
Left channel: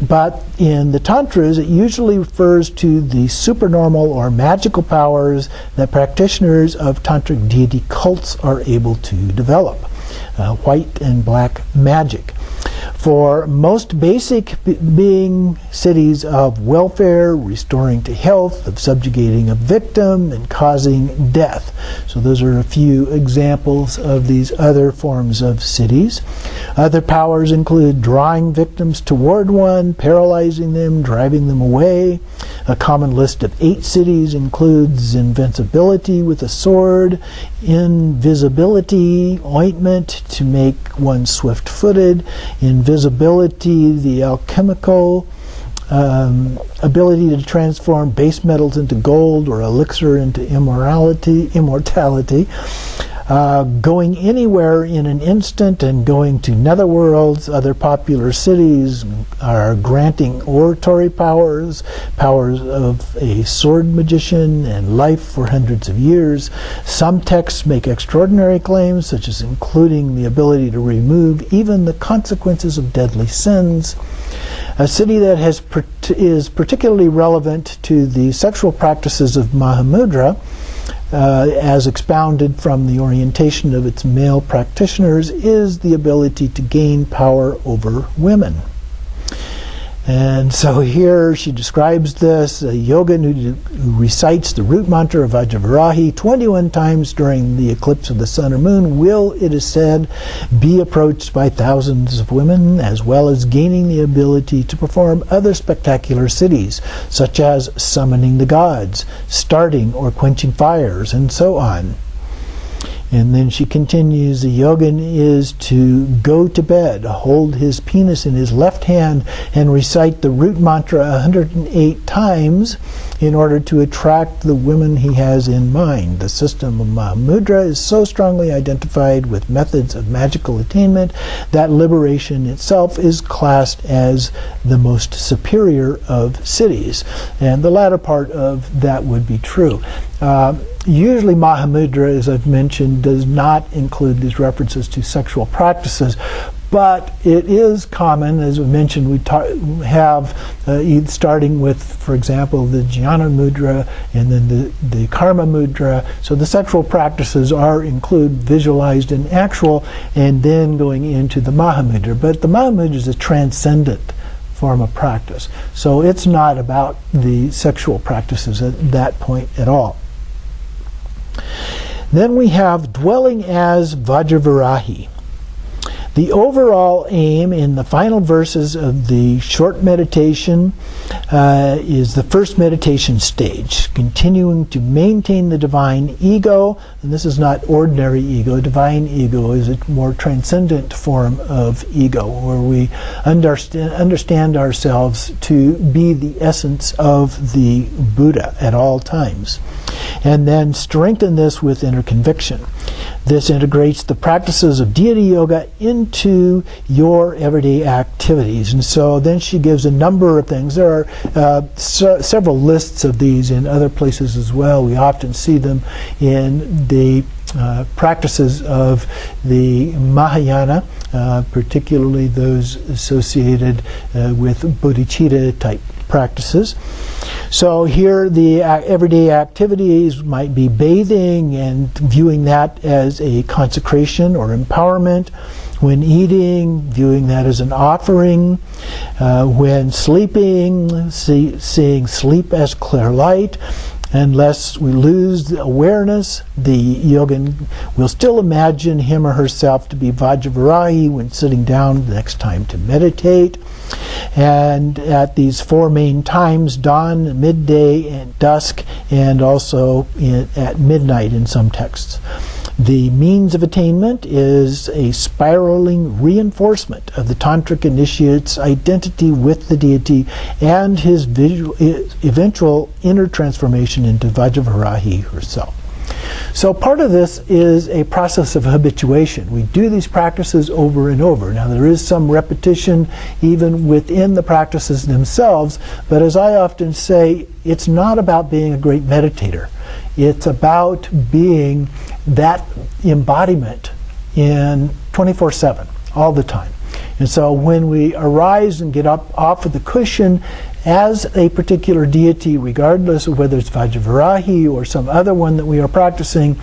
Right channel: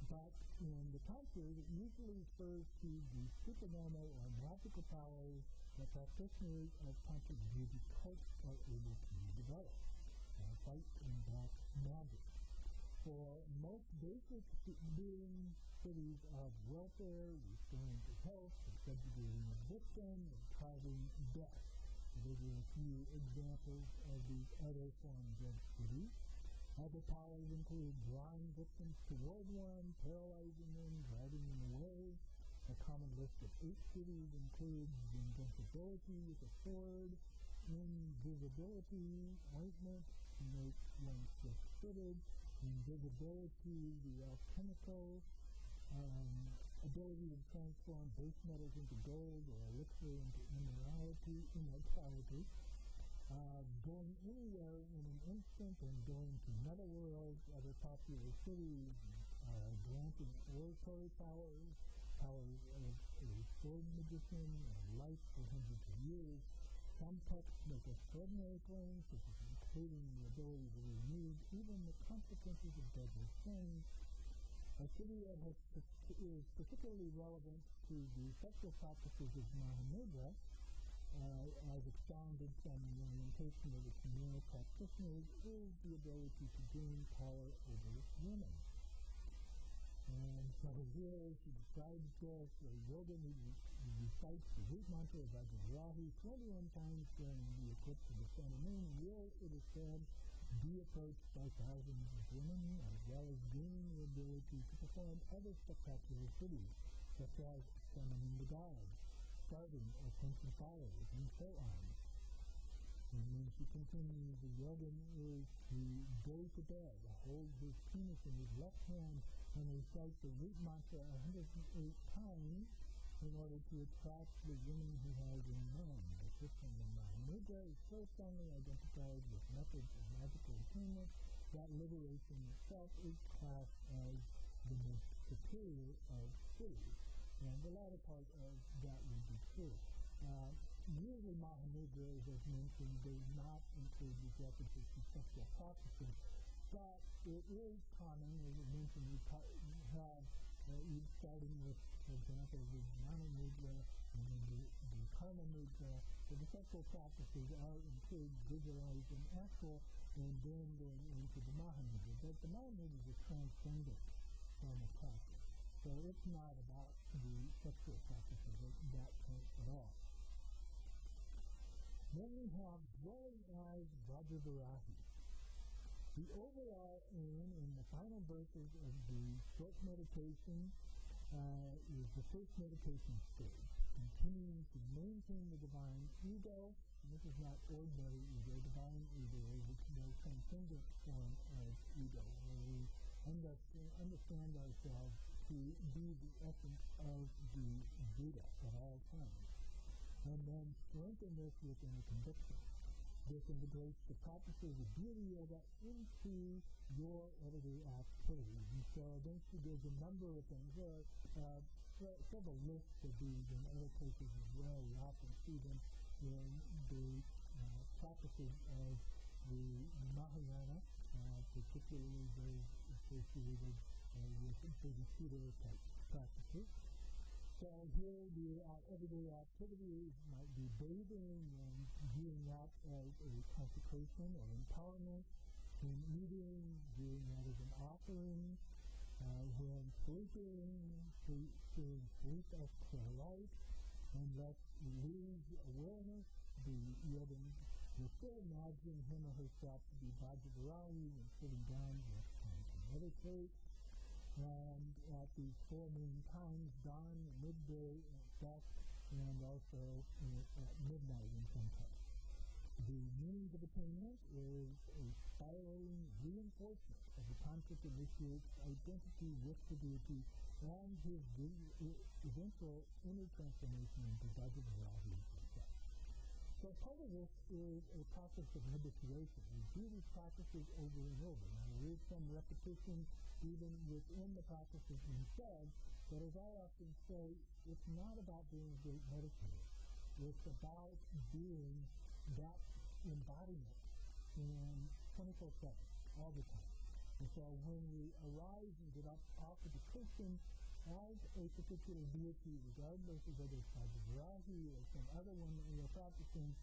But in the tantras, it usually refers to the supernormal or magical powers that practitioners of tantric deity cults are able to develop. White and black magic. For most basic being cities of welfare, restoring to health, of subjugating a victim, and causing death. So those are a few examples of these other forms of cities. Other powers include drawing victims toward one, paralyzing them, driving them away. A common list of 8 cities includes invincibility with a sword, invisibility, ointment to make one swift-footed, invisibility, the alchemical, ability to transform base metals into gold or elixir into immortality, going anywhere in an instant and going to netherworlds. Other popular cities are granting oratory powers, powers of a sword magician, and life for hundreds of years. Some texts make extraordinary claims, such as including the ability to remove even the consequences of deadly sins. A city that is particularly relevant to the sexual practices of Mahamudra, as expounded from the orientation of its male practitioners, is the ability to gain power over women. And so here she describes this, a yogin who recites the root mantra of Vajravarahi 21 times during the eclipse of the sun or moon will, it is said, be approached by thousands of women, as well as gaining the ability to perform other spectacular siddhis, such as summoning the gods, starting or quenching fires, and so on. And then she continues, the yogin is to go to bed, hold his penis in his left hand, and recite the root mantra 108 times in order to attract the women he has in mind. The system of Mahamudra is so strongly identified with methods of magical attainment that liberation itself is classed as the most superior of cities. And the latter part of that would be true. Usually Mahamudra, as I've mentioned, does not include these references to sexual practices, But it is common, as we mentioned, we have starting with, for example, the jnana mudra and then the karma mudra. So the sexual practices include visualized and actual, and then going into the mahamudra. But the mahamudra is a transcendent form of practice. So it's not about the sexual practices at that point at all. Then we have dwelling as Vajravarahi. The overall aim in the final verses of the short meditation is the first meditation stage, continuing to maintain the divine ego. And this is not ordinary ego. Divine ego is a more transcendent form of ego, where we understand ourselves to be the essence of the Buddha at all times. And then strengthen this with inner conviction. This integrates the practices of deity yoga into your everyday activities. And so then she gives a number of things. There are several lists of these in other places as well. We often see them in the practices of the Mahayana, particularly those associated with bodhicitta type practices. So here the everyday activities might be bathing and viewing that as a consecration or empowerment. When eating, viewing that as an offering. When sleeping, seeing sleep as clear light. Unless we lose the awareness, the yogin will still imagine him or herself to be Vajravarahi when sitting down the next time to meditate. And at these four main times, dawn, midday, and dusk, and also at midnight in some texts. The means of attainment is a spiraling reinforcement of the tantric initiate's identity with the deity and his eventual inner transformation into Vajravarahi herself. So part of this is a process of habituation. We do these practices over and over. Now there is some repetition even within the practices themselves, but as I often say, it's not about being a great meditator. It's about being that embodiment in 24/7, all the time. And so when we arise and get up off of the cushion as a particular deity, regardless of whether it's Vajravarahi or some other one that we are practicing,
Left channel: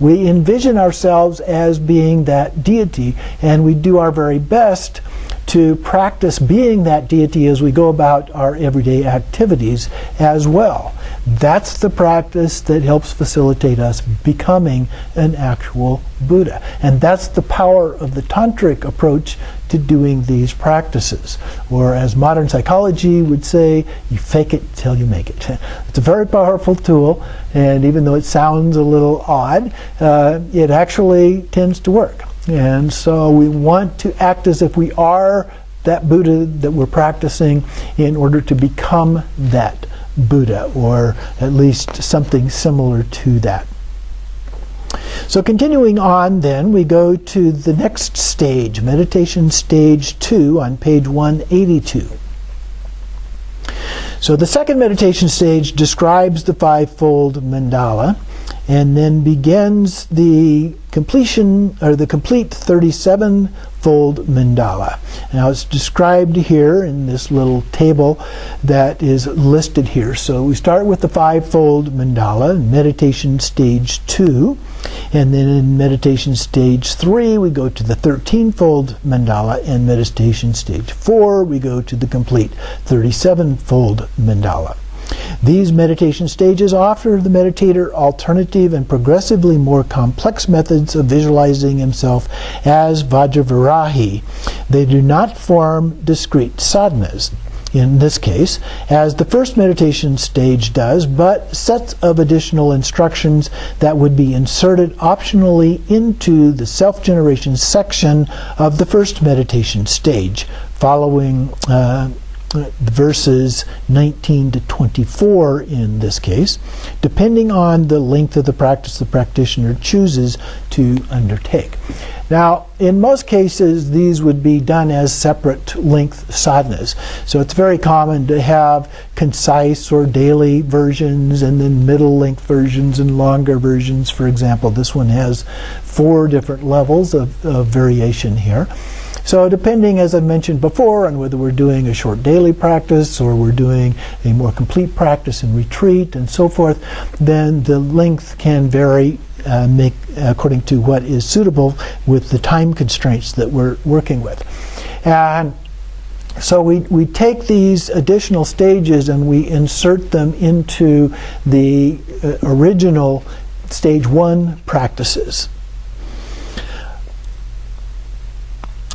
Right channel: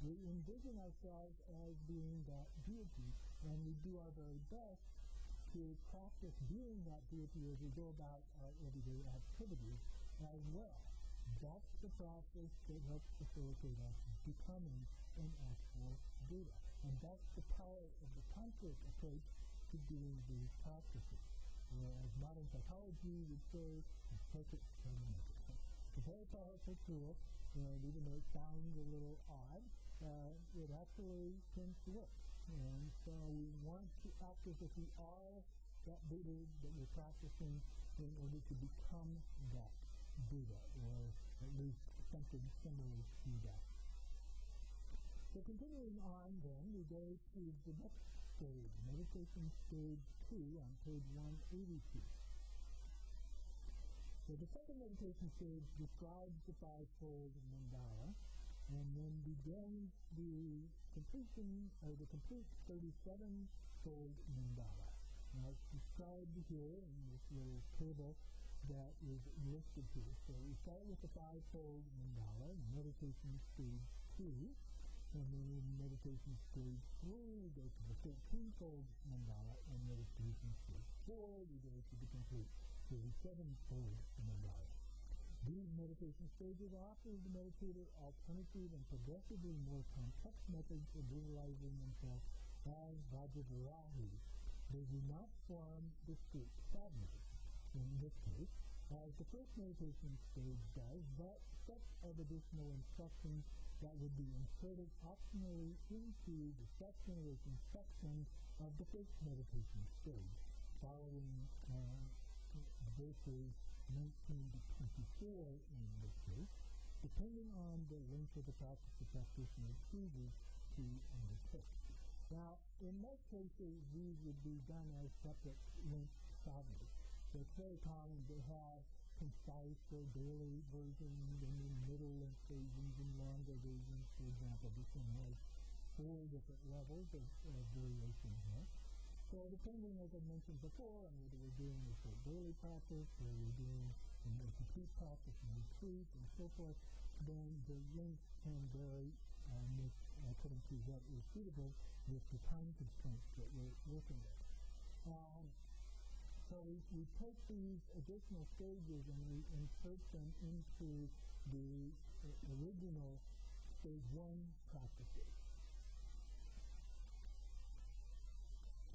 we envision ourselves as being that deity, and we do our very best to practice being that deity as we go about our everyday activities as well. That's the practice that helps facilitate us becoming an actual Buddha. And that's the power of the tantric approach to doing these practices. Or as modern psychology would say, you fake it till you make it. It's a very powerful tool, and even though it sounds a little odd, it actually tends to work. And so we want to act as if we are that Buddha that we're practicing in order to become that Buddha, or at least something similar to that. So continuing on then, we go to the next stage, meditation stage 2 on page 182. So the second meditation stage describes the fivefold mandala and then begins the completion, or the complete 37-fold mandala. Now it's described here in this little table that is listed here. So we start with the fivefold mandala, meditation stage 2, and then in meditation stage 3 we go to the 13-fold mandala, and meditation stage 4 we go to the complete 37-fold mandala. These meditation stages offer the meditator alternative and progressively more complex methods of visualizing himself as Vajravarahi. They do not form discrete sadhanas, in this case, as the first meditation stage does, but sets of additional instructions that would be inserted optionally into the self-generation section of the first meditation stage, following verses 19 to 24 in this case, depending on the length of the practice the practitioner chooses to undertake. Now, in most cases, these would be done as separate length sadhanas. So it's very common to have concise or daily versions, and then middle length versions and longer versions. For example, this one has 4 different levels of variation here. So depending, as I mentioned before, on whether we're doing a short daily practice or we're doing a more complete practice in retreat and so forth, then the length can vary according to what is suitable with the time constraints that we're working with. And so we take these additional stages and we insert them into the original stage 1 practices.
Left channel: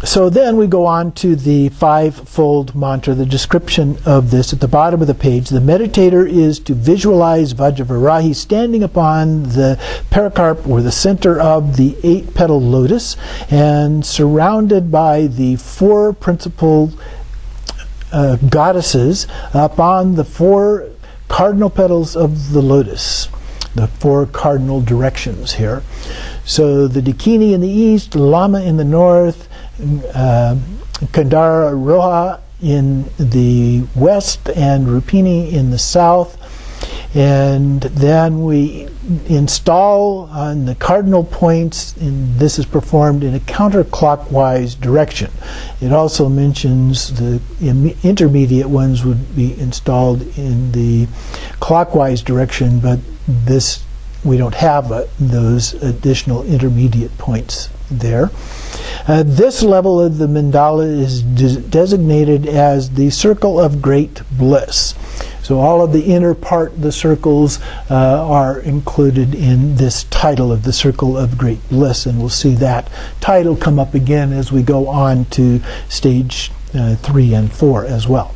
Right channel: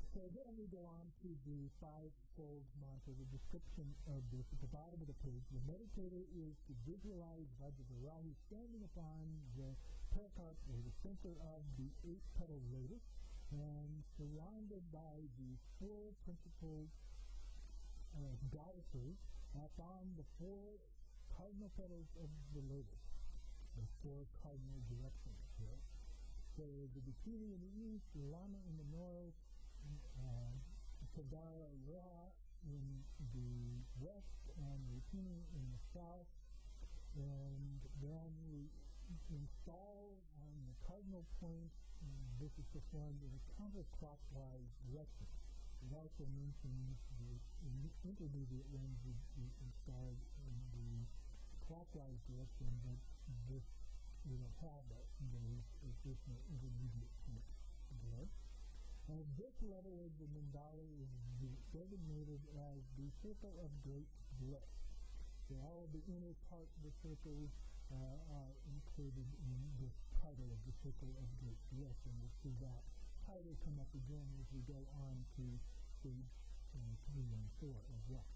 So then we go on to the 5-fold mantra, the description of this at the bottom of the page. The meditator is to visualize Vajravarahi standing upon the pericarp or the center of the 8-petal lotus and surrounded by the 4 principal goddesses upon the 4 cardinal petals of the lotus, the 4 cardinal directions here. So the Dakini in the east, Lama in the north, Kandara Roha in the west, and Rupini in the south. And then we install on the cardinal points, and this is performed in a counterclockwise direction. It also mentions the intermediate ones would be installed in the clockwise direction, but this we don't have those additional intermediate points there. This level of the mandala is designated as the circle of great bliss. So all of the inner part, the circles, are included in this title of the circle of great bliss, and we'll see that title come up again as we go on to stage 3 and 4 as well.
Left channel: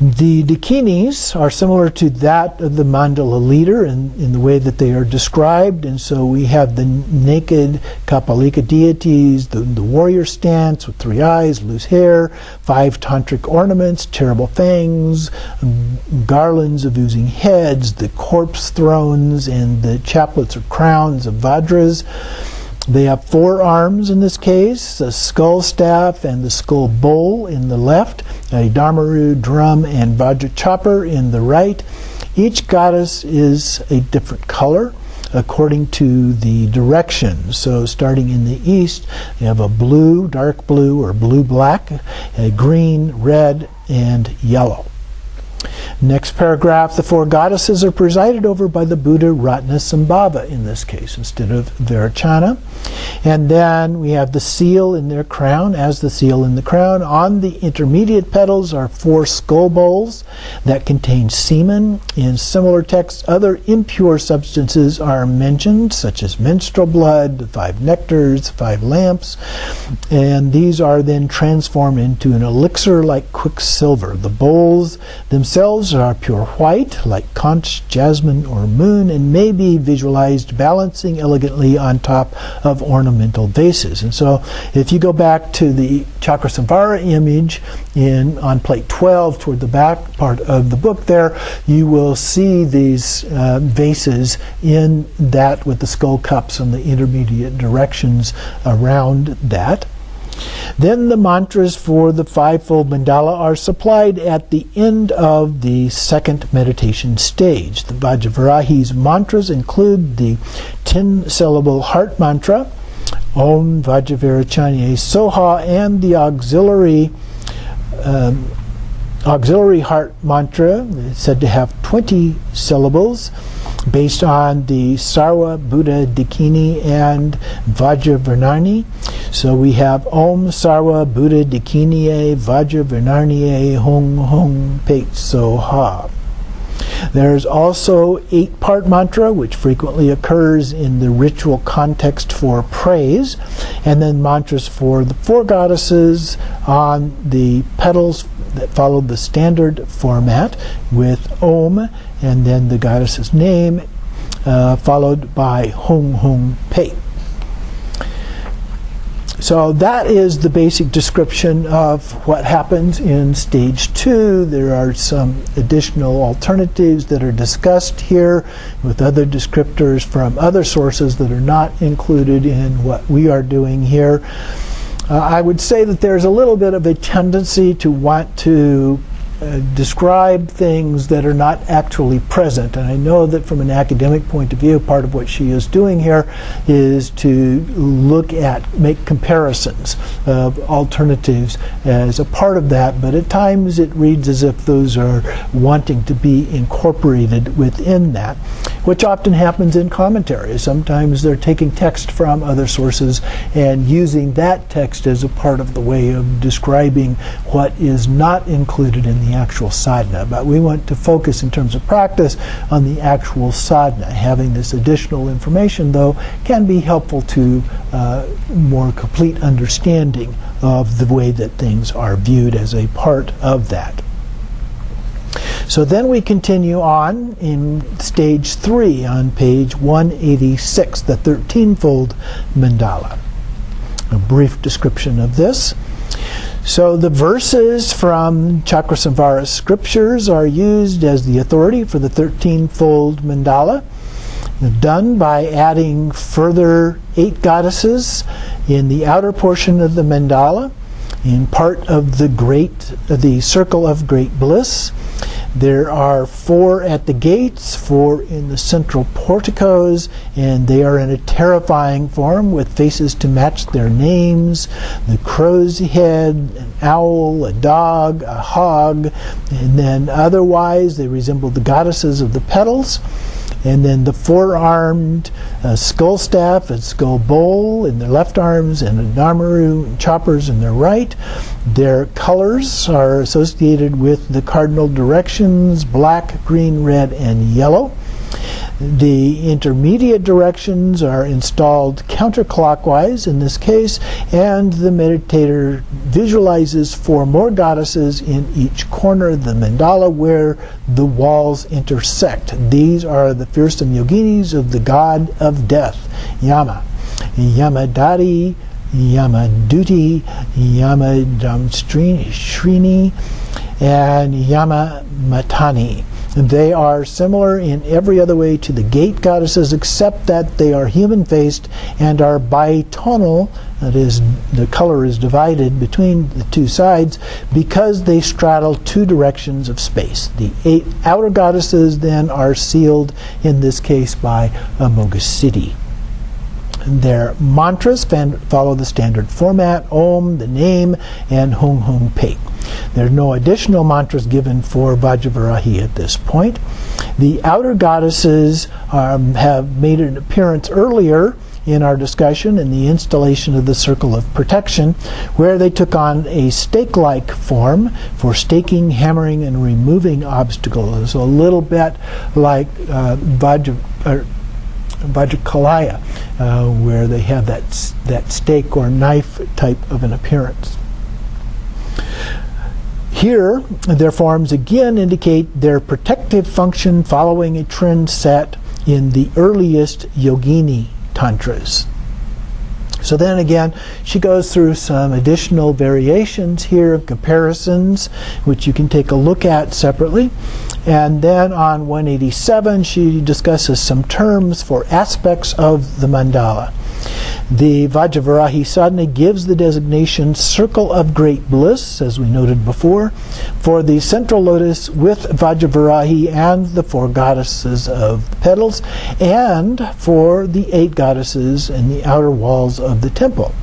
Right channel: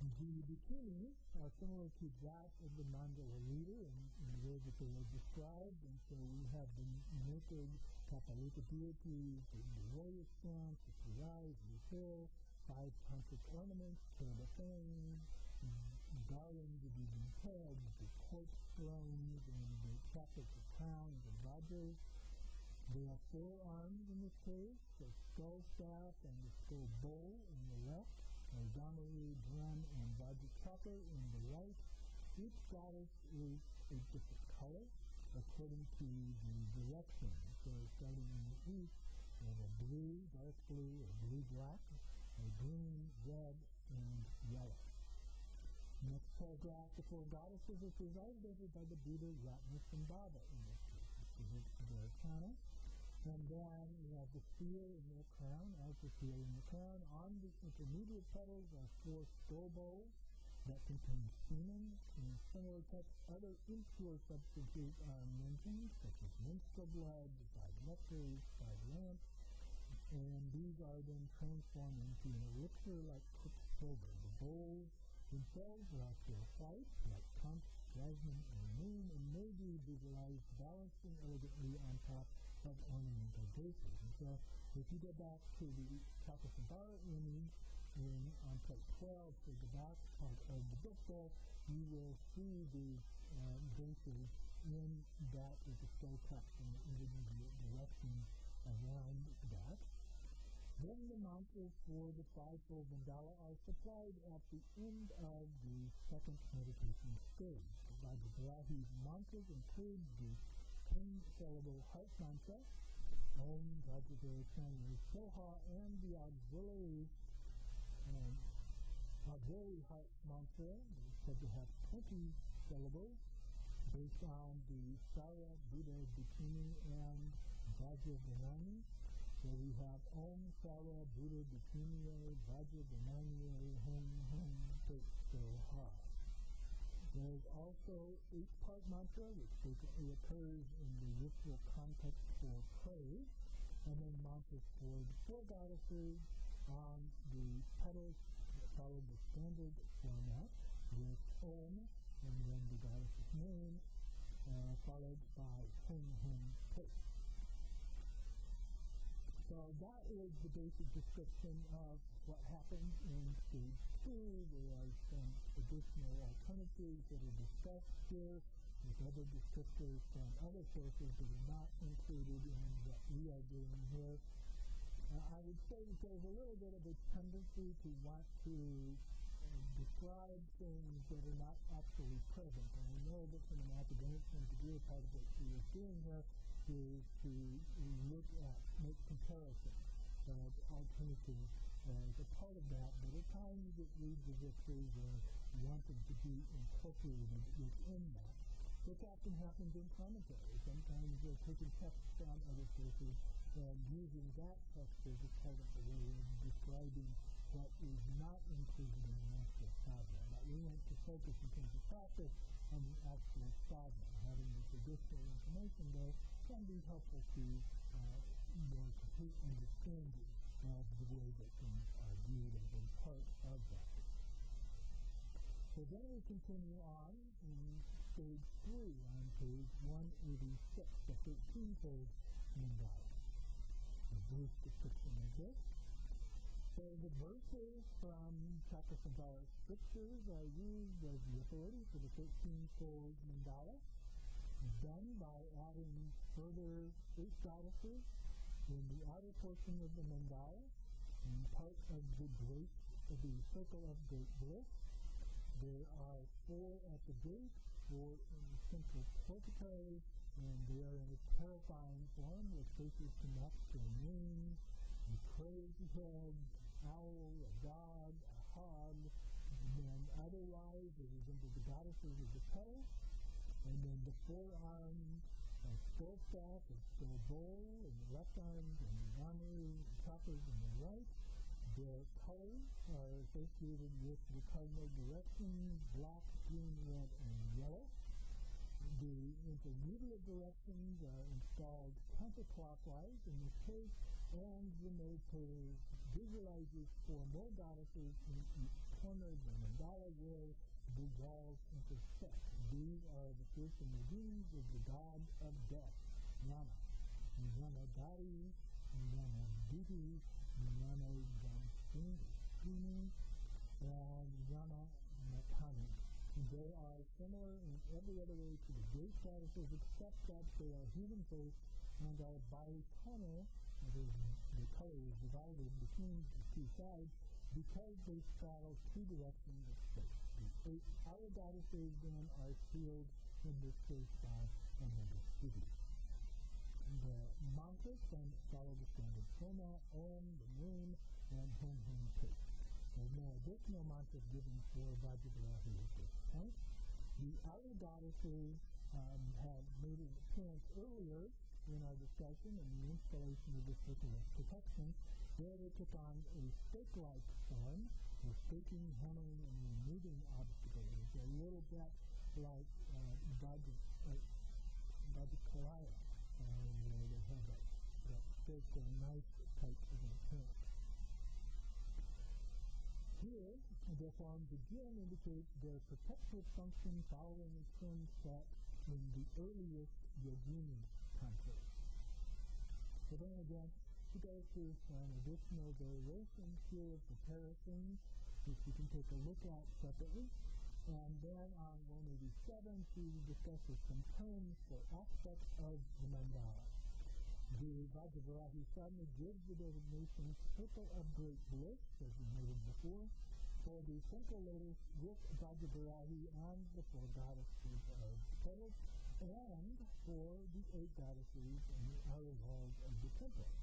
The dakinis are similar to that of the mandala leader in the way that they are described, and so we have the naked Kapalika deities, the warrior stance with 3 eyes, loose hair, 5 tantric ornaments, terrible fangs, garlands of oozing heads, the corpse thrones, and the chaplets or crowns of Vajras. They have 4 arms in this case, a skull staff and the skull bowl in the left, a dharmaru, drum, and vajra chopper in the right. Each goddess is a different color according to the direction. So starting in the east, you have a blue, dark blue, or blue-black, a green, red, and yellow. Next paragraph, the 4 goddesses are presided over by the Buddha Ratnasambhava in this case instead of Vairocana. And then we have the seal in their crown as the seal in the crown. On the intermediate petals are 4 skull bowls that contain semen. In similar texts, other impure substances are mentioned, such as menstrual blood, 5 nectars, 5 lamps, and these are then transformed into an elixir like quicksilver. The bowls themselves are pure white, like conch, jasmine, or moon, and may be visualized balancing elegantly on top of ornamental vases. And so if you go back to the Chakrasamvara image on plate 12 toward the back part of the book there, you will see these vases in that with the skull cups and the intermediate directions around that. Then the mantras for the 5-fold mandala are supplied at the end of the 2nd meditation stage. The Vajravarahi's mantras include the 10-syllable heart mantra, Om Vajravarahi Soha, and the auxiliary heart mantra. It's said to have 20 syllables, based on the Sarva, Buddha, Dakini, and Vajravarahi. So we have Om Sarva, Buddha, Dakini, Vajravarahi, Hong Hong Pet Soha. There's also 8-part mantra, which frequently occurs in the ritual context for praise, and then mantras for the 4 goddesses on the petals that follow the standard format with Om, and then the goddess's name, followed by Hong Hong Pei. So that is the basic description of what happens in stage 2. There are some additional alternatives that are discussed here with other descriptors from other sources that are not included in what we are doing here. I would say that there's a little bit of a tendency to want to describe things that are not actually present. And I know that from an academic point of view, part of what she is doing here is to make comparisons of alternatives as a part of that, but at times it reads as if those are wanting to be incorporated within that, which often happens in commentaries. Sometimes they're taking text from other sources and using that text as a part of the way of describing what is not included in the actual sadhana. But we want to focus in terms of practice on the actual sadhana. Having this additional information, though, can be helpful to more complete understanding of the way that things are viewed as a part of that. So then we continue on in stage 3 on page 186, the 13-fold mandala. A brief description of this. So the verses from Chakrasamvara scriptures are used as the authority for the 13-fold mandala, done by adding further 8 goddesses in the outer portion of the mandala, in part of the circle of great bliss. There are 4 at the gates, 4 in the central porticos, and they are in a terrifying form with faces to match their names: the crow's head, an owl, a dog, a hog, and then otherwise they resemble the goddesses of the petals. And then the 4-armed skull staff and skull bowl in their left arms, and a dharmaru and choppers in their right. Their colors are associated with the cardinal directions: black, green, red, and yellow. The intermediate directions are installed counterclockwise in this case, and the meditator visualizes 4 more goddesses in each corner of the mandala where the walls intersect. These are the fearsome yoginis of the god of death, Yama. Yamadari, Yamaduti, Yamadamstrini, and Yamamatani. They are similar in every other way to the gate goddesses, except that they are human-faced and are bitonal. That is, the color is divided between the 2 sides because they straddle 2 directions of space. The 8 outer goddesses then are sealed, in this case, by Amoghasiddhi. Their mantras follow the standard format: Om, the name, and Hung Hung Pe. There are no additional mantras given for Vajravarahi at this point. The outer goddesses have made an appearance earlier in our discussion in the installation of the circle of protection, where they took on a stake-like form for staking, hammering, and removing obstacles, a little bit like Vajrakalaya, where they have that stake or knife type of an appearance. Here, their forms again indicate their protective function following a trend set in the earliest yogini tantras. So then again, she goes through some additional variations here, comparisons, which you can take a look at separately. And then on 187, she discusses some terms for aspects of the mandala. The Vajravarahi Sadhana gives the designation Circle of Great Bliss, as we noted before, for the central lotus with Vajravarahi and the 4 goddesses of the petals, and for the 8 goddesses in the outer walls of the temple.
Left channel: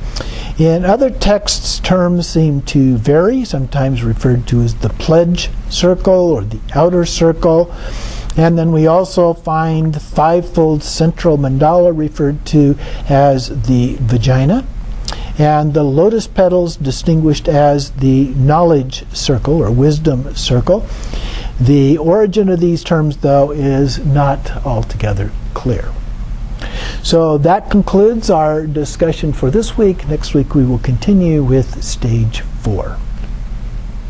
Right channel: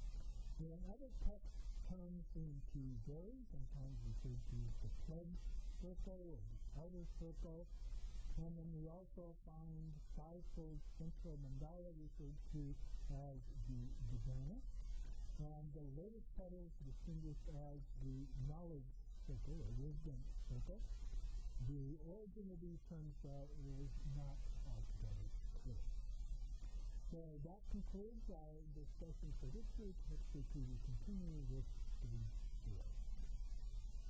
In other texts, terms seem to vary, sometimes referred to as the pledge circle or the outer circle. And then we also find the 5-fold central mandala referred to as the vagina, and the lotus petals distinguished as the knowledge circle or wisdom circle. The origin of these terms, though, is not altogether clear. So that concludes our discussion for this week. Next week we will continue with stage 4.